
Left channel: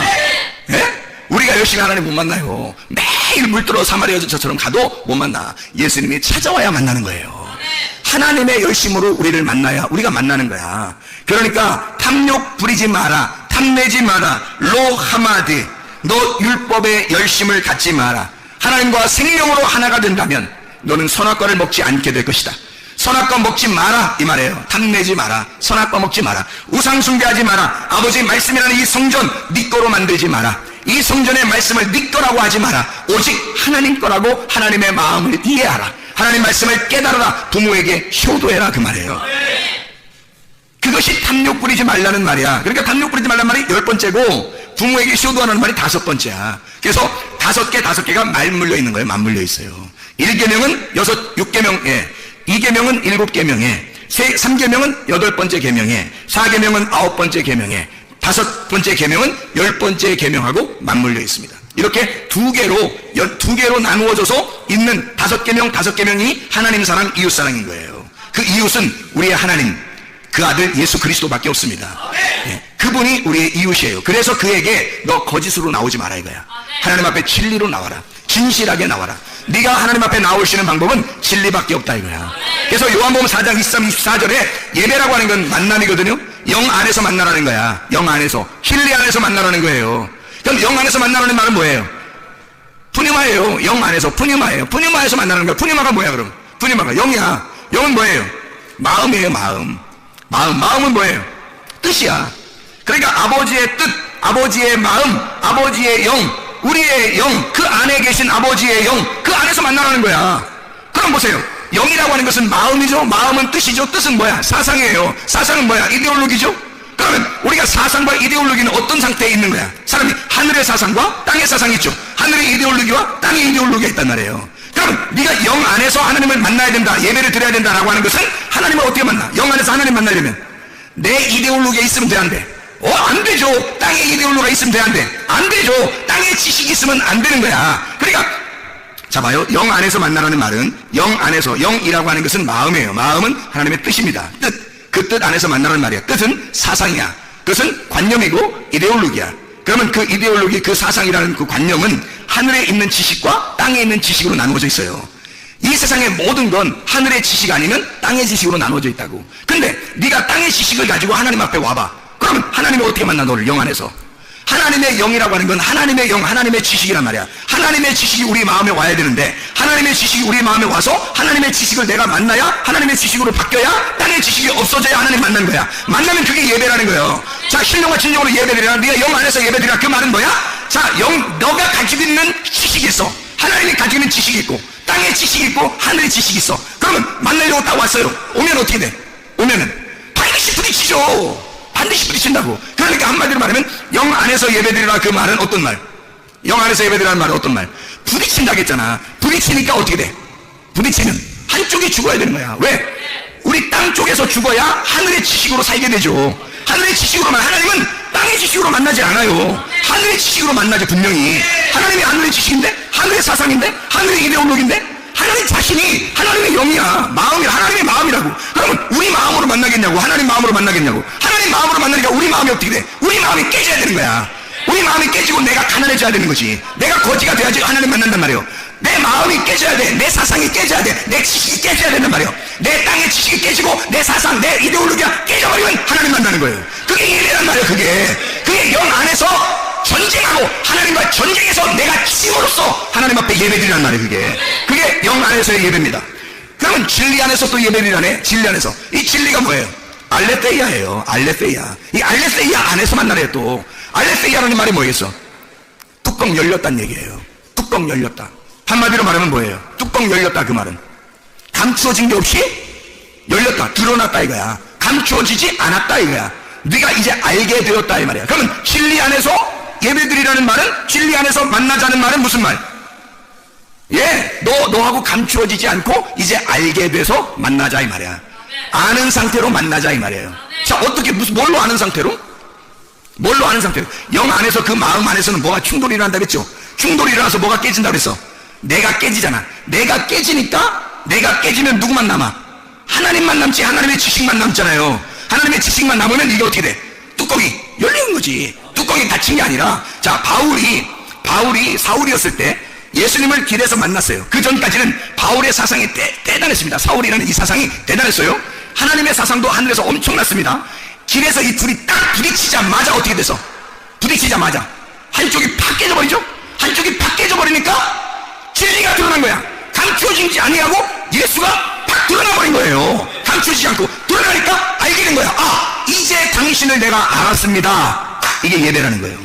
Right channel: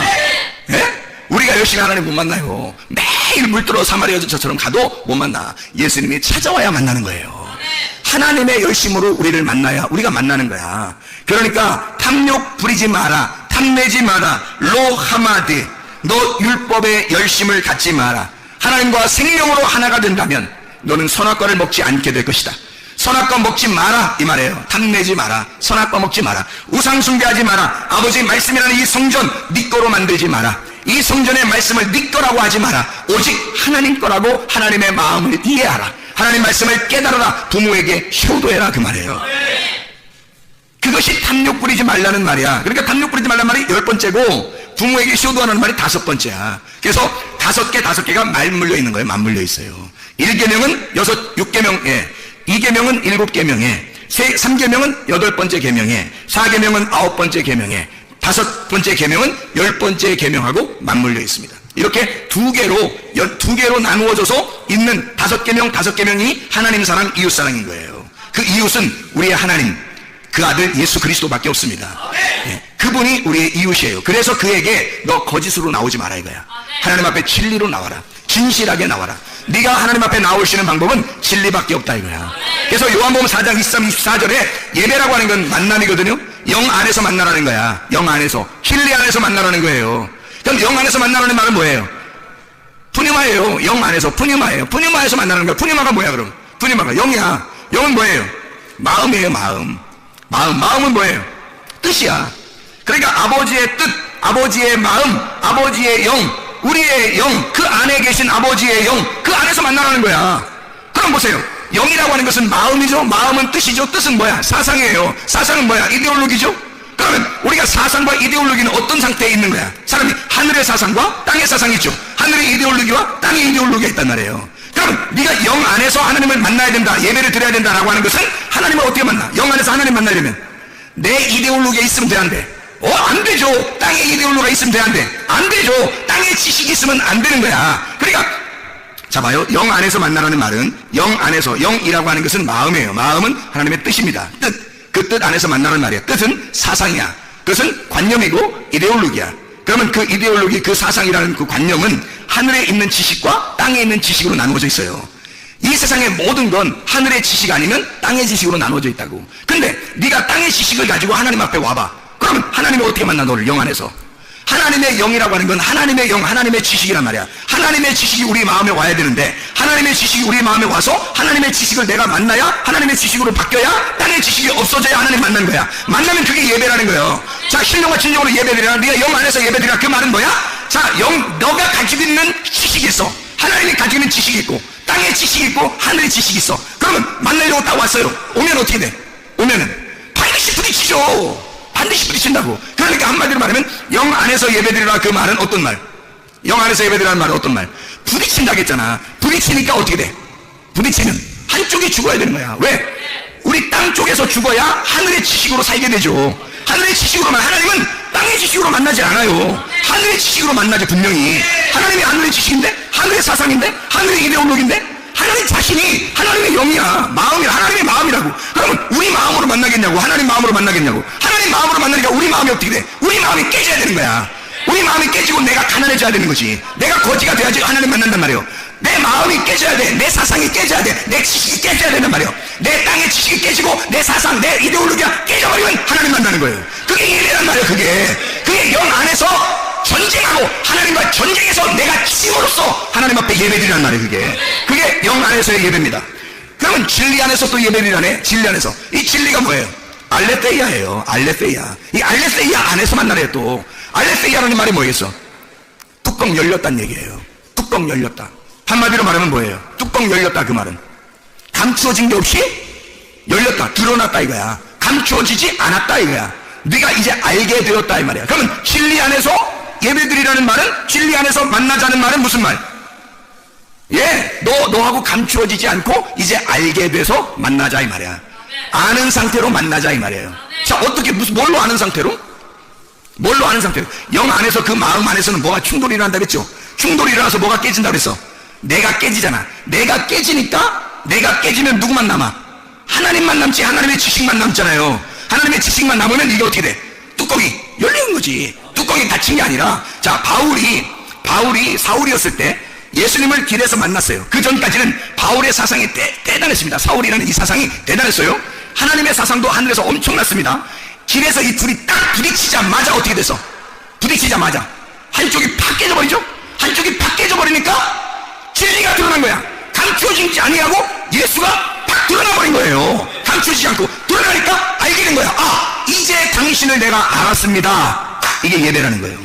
예? 우리가 열심히 하나님 못 만나요. 매일 물들어 사마리아 여종처럼 가도 못 만나. 예수님이 찾아와야 만나는 거예요. 하나님의 열심으로 우리를 만나야 우리가 만나는 거야. 그러니까 탐욕 부리지 마라, 탐내지 마라, 로 하마드, 내 율법의 열심을 갖지 마라. 하나님과 생명으로 하나가 된다면 너는 선악과를 먹지 않게 될 것이다. 선악과 먹지 마라 이 말이에요. 탐내지 마라, 선악과 먹지 마라, 우상 숭배하지 마라, 아버지 말씀이라는 이 성전 네 거로 만들지 마라. 이 성전의 말씀을 네 거라고 하지 마라. 오직 하나님 거라고 하나님의 마음을 이해하라. 하나님 말씀을 깨달아라. 부모에게 효도해라 그 말이에요. 그것이 탐욕 부리지 말라는 말이야. 그러니까 탐욕 부리지 말라는 말이 10번째고 부모에게 효도하는 말이 5번째야. 그래서 5개가 말물려 있는 거예요. 맞물려 있어요. 1계명은 6계명에, 2계명은 7계명에, 3계명은 8번째 계명에, 4계명은 9번째 계명에, 5번째 계명은 10번째 계명하고 맞물려 있습니다. 이렇게 두 개로 나누어져서 있는 5계명이 하나님 사랑, 이웃 사랑인 거예요. 그 이웃은 우리의 하나님, 그 아들 예수 그리스도밖에 없습니다. 네. 그분이 우리의 이웃이에요. 그래서 그에게 너 거짓으로 나오지 마라 이거야. 하나님 앞에 진리로 나와라. 진실하게 나와라. 네가 하나님 앞에 나올 수 있는 방법은 진리밖에 없다 이거야. 그래서 요한복음 4장 23, 24절에 예배라고 하는 건 만남이거든요. 영 안에서 만나라는 거야. 영 안에서, 진리 안에서 만나라는 거예요. 그럼 영 안에서 만나라는 말은 뭐예요? 푸니마예요. 영 안에서 푸니마예요. 푸니마에서 만나는 거야. 푸니마가 뭐야 그럼? 푸니마가 영이야. 영은 뭐예요? 마음이에요. 마음은 뭐예요? 뜻이야. 그러니까 아버지의 뜻, 아버지의 마음, 아버지의 영, 우리의 영, 그 안에 계신 아버지의 영, 그 안에서 만나라는 거야. 그럼 보세요. 영이라고 하는 것은 마음이죠. 마음은 뜻이죠. 뜻은 뭐야? 사상이에요. 사상은 뭐야? 이데올로기죠. 그러면 우리가 사상과 이데올로기는 어떤 상태에 있는 거야? 사람이 하늘의 사상과 땅의 사상이 있죠. 하늘의 이데올로기와 땅의 이데올로기가 있단 말이에요. 그럼 네가 영 안에서 하나님을 만나야 된다, 예배를 드려야 된다라고 하는 것은 하나님을 어떻게 만나? 영 안에서 하나님 만나려면 내 이데올로기가 있으면 돼, 안 돼? 안 되죠. 땅의 이데올로기가 있으면 돼, 안 돼? 안 되죠. 땅의 지식이 있으면 안 되는 거야. 그러니까 자 봐요. 영 안에서 만나라는 말은 영 안에서, 영이라고 하는 것은 마음이에요. 마음은 하나님의 뜻입니다. 뜻. 그 뜻 안에서 만나는 말이야. 뜻은 사상이야. 그것은 관념이고 이데올로기야. 그러면 그 이데올로기, 그 사상이라는 그 관념은 하늘에 있는 지식과 땅에 있는 지식으로 나누어져 있어요. 이 세상의 모든 건 하늘의 지식 아니면 땅의 지식으로 나누어져 있다고. 근데 네가 땅의 지식을 가지고 하나님 앞에 와봐. 그러면 하나님이 어떻게 만나 너를 영 안에서? 하나님의 영이라고 하는 건 하나님의 영, 하나님의 지식이란 말이야. 하나님의 지식이 우리 마음에 와야 되는데 하나님의 지식이 우리 마음에 와서 하나님의 지식을 내가 만나야 하나님의 지식으로 바뀌어야 땅의 지식이 없어져야 하나님 만나는 거야. 만나면 그게 예배라는 거예요. 자, 신령과 진정으로 예배드려. 네가 영 안에서 예배드려. 그 말은 뭐야? 자, 너가 가지고 있는 지식이 있어. 하나님이 가지고 있는 지식이 있고 땅의 지식이 있고 하늘의 지식이 있어. 그러면 만나려고 딱 왔어요. 오면 어떻게 돼? 오면은 반드시 부딪히죠. 반드시 부딪힌다고. 그러니까 한마디로 말하면 영 안에서 예배드리라 그 말은 어떤 말? 영 안에서 예배드리라는 말은 어떤 말? 부딪힌다고 했잖아. 부딪히니까 어떻게 돼? 부딪히면 한쪽이 죽어야 되는 거야. 왜? 우리 땅 쪽에서 죽어야 하늘의 지식으로 살게 되죠. 하늘의 지식으로 하나님은 땅의 지식으로 만나지 않아요. 하늘의 지식으로 만나죠. 분명히 하나님이 하늘의 지식인데, 하늘의 사상인데, 하늘의 이데올로기인데, 하나님 자신이 하나님의 영이야. 마음이 하나님의 마음이라고. 여러분, 우리 마음으로 만나겠냐고? 하나님 마음으로 만나겠냐고? 하나님 마음으로 만나니까 우리 마음이 어떻게 돼? 우리 마음이 깨져야 되는 거야. 우리 마음이 깨지고 내가 가난해져야 되는 거지. 내가 거지가 돼야지 하나님 만난단 말이에요. 내 마음이 깨져야 돼. 내 사상이 깨져야 돼. 내 지식이 깨져야 된단 말이에요. 내 땅의 지식이 깨지고 내 사상, 내 이데올로기가 깨져버리면 하나님 만나는 거예요. 그게 예배란 말이에요. 그게 영 안에서 전쟁하고 하나님과 전쟁에서 내가 힘으로써 하나님 앞에 예배드리란 말이에요. 그게 영 안에서의 예배입니다. 그러면 진리 안에서 또 예배드리라네. 진리 안에서. 이 진리가 뭐예요? 알레세이아예요. 알레세이아. 이 알레세이아 안에서 만나래요. 또 알레세이아라는 말이 뭐겠어? 뚜껑 열렸다는 얘기예요. 뚜껑 열렸다. 한마디로 말하면 뭐예요? 뚜껑 열렸다. 그 말은 감추어진 게 없이 열렸다. 드러났다 이거야. 감추어지지 않았다 이거야. 네가 이제 알게 되었다 이 말이야. 그러면 진리 안에서 예배드리라는 말은, 진리 안에서 만나자는 말은 무슨 말? 예, 너하고 감추어지지 않고 이제 알게 돼서 만나자 이 말이야. 아는 상태로 만나자 이 말이에요. 자, 어떻게, 뭘로 아는 상태로? 뭘로 아는 상태로? 영 안에서, 그 마음 안에서는 뭐가 충돌이 일어난다 그랬죠? 충돌이 일어나서 뭐가 깨진다 그랬어? 내가 깨지잖아. 내가 깨지니까, 내가 깨지면 누구만 남아? 하나님만 남지, 하나님의 지식만 남잖아요. 하나님의 지식만 남으면 이게 어떻게 돼? 뚜껑이 열리는 거지. 뚜껑이 닫힌 게 아니라, 자, 바울이 사울이었을 때 예수님을 길에서 만났어요. 그 전까지는 바울의 사상이 대단했습니다. 사울이라는 이 사상이 대단했어요. 하나님의 사상도 하늘에서 엄청났습니다. 길에서 이 둘이 딱 부딪히자마자 어떻게 됐어? 부딪히자마자 한쪽이 팍 깨져버리죠? 한쪽이 팍 깨져버리니까 진리가 드러난 거야. 감추어지지 아니하고 예수가 팍 드러나버린 거예요. 감추지 않고 드러나니까 알게 된 거야. 아, 이제 당신을 내가 알았습니다. 이게 예배라는 거예요.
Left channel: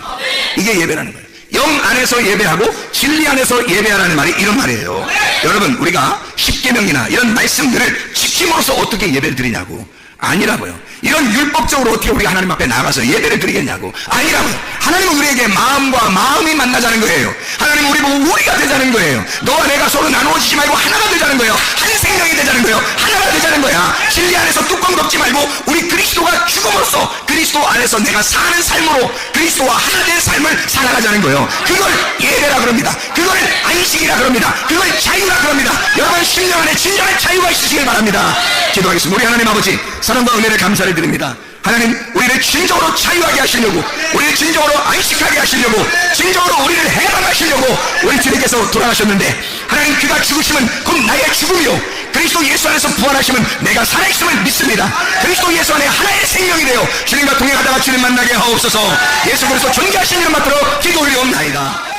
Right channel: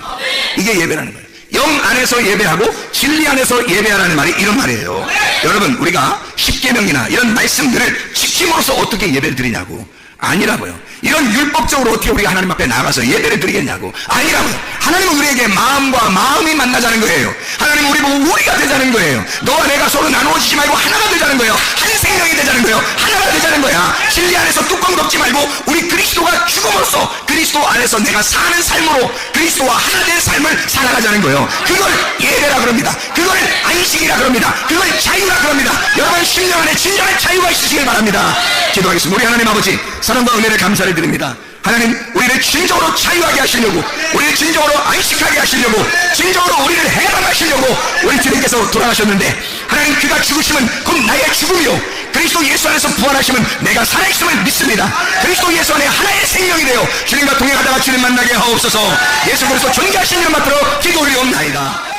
이게 예배라는 거예요. 영 안에서 예배하고 진리 안에서 예배하라는 말이 이런 말이에요. 여러분, 우리가 십계명이나 이런 말씀들을 지킴으로써 어떻게 예배를 드리냐고. 아니라고요. 이런 율법적으로 어떻게 우리가 하나님 앞에 나가서 예배를 드리겠냐고. 아니라고요. 하나님은 우리에게 마음과 마음이 만나자는 거예요. 하나님은 우리 보고 우리가 되자는 거예요. 너와 내가 서로 나누어지지 말고 하나가 되자는 거예요. 한 생명이 되자는 거예요. 하나가 되자는 거야. 진리 안에서 뚜껑 덮지 말고 우리 그리스도가 죽음으로써 그리스도 안에서 내가 사는 삶으로 그리스도와 하나 된 삶을 살아가자는 거예요. 그걸 예배라 그럽니다. 그걸 안식이라 그럽니다. 그걸 자유라 그럽니다. 여러분, 신령 안에 진정한 자유가 있으시길 바랍니다. 기도하겠습니다. 우리 하나님 아버지, 사랑과 은혜를 감사를 드립니다. 하나님, 우리를 진정으로 자유하게 하시려고, 우리를 진정으로 안식하게 하시려고, 진정으로 우리를 해방하시려고 원주님께서 돌아가셨는데, 하나님, 그가 죽으시면 곧 나의 죽음이요, 그리스도 예수 안에서 부활하시면 내가 살아있음을 믿습니다. 그리스도 예수 안에 하나의 생명이 되어 주님과 동행하다가 주님 만나게 하옵소서. 예수 그리스도 존재하시는 것 같들어 기도 올리옵나이다.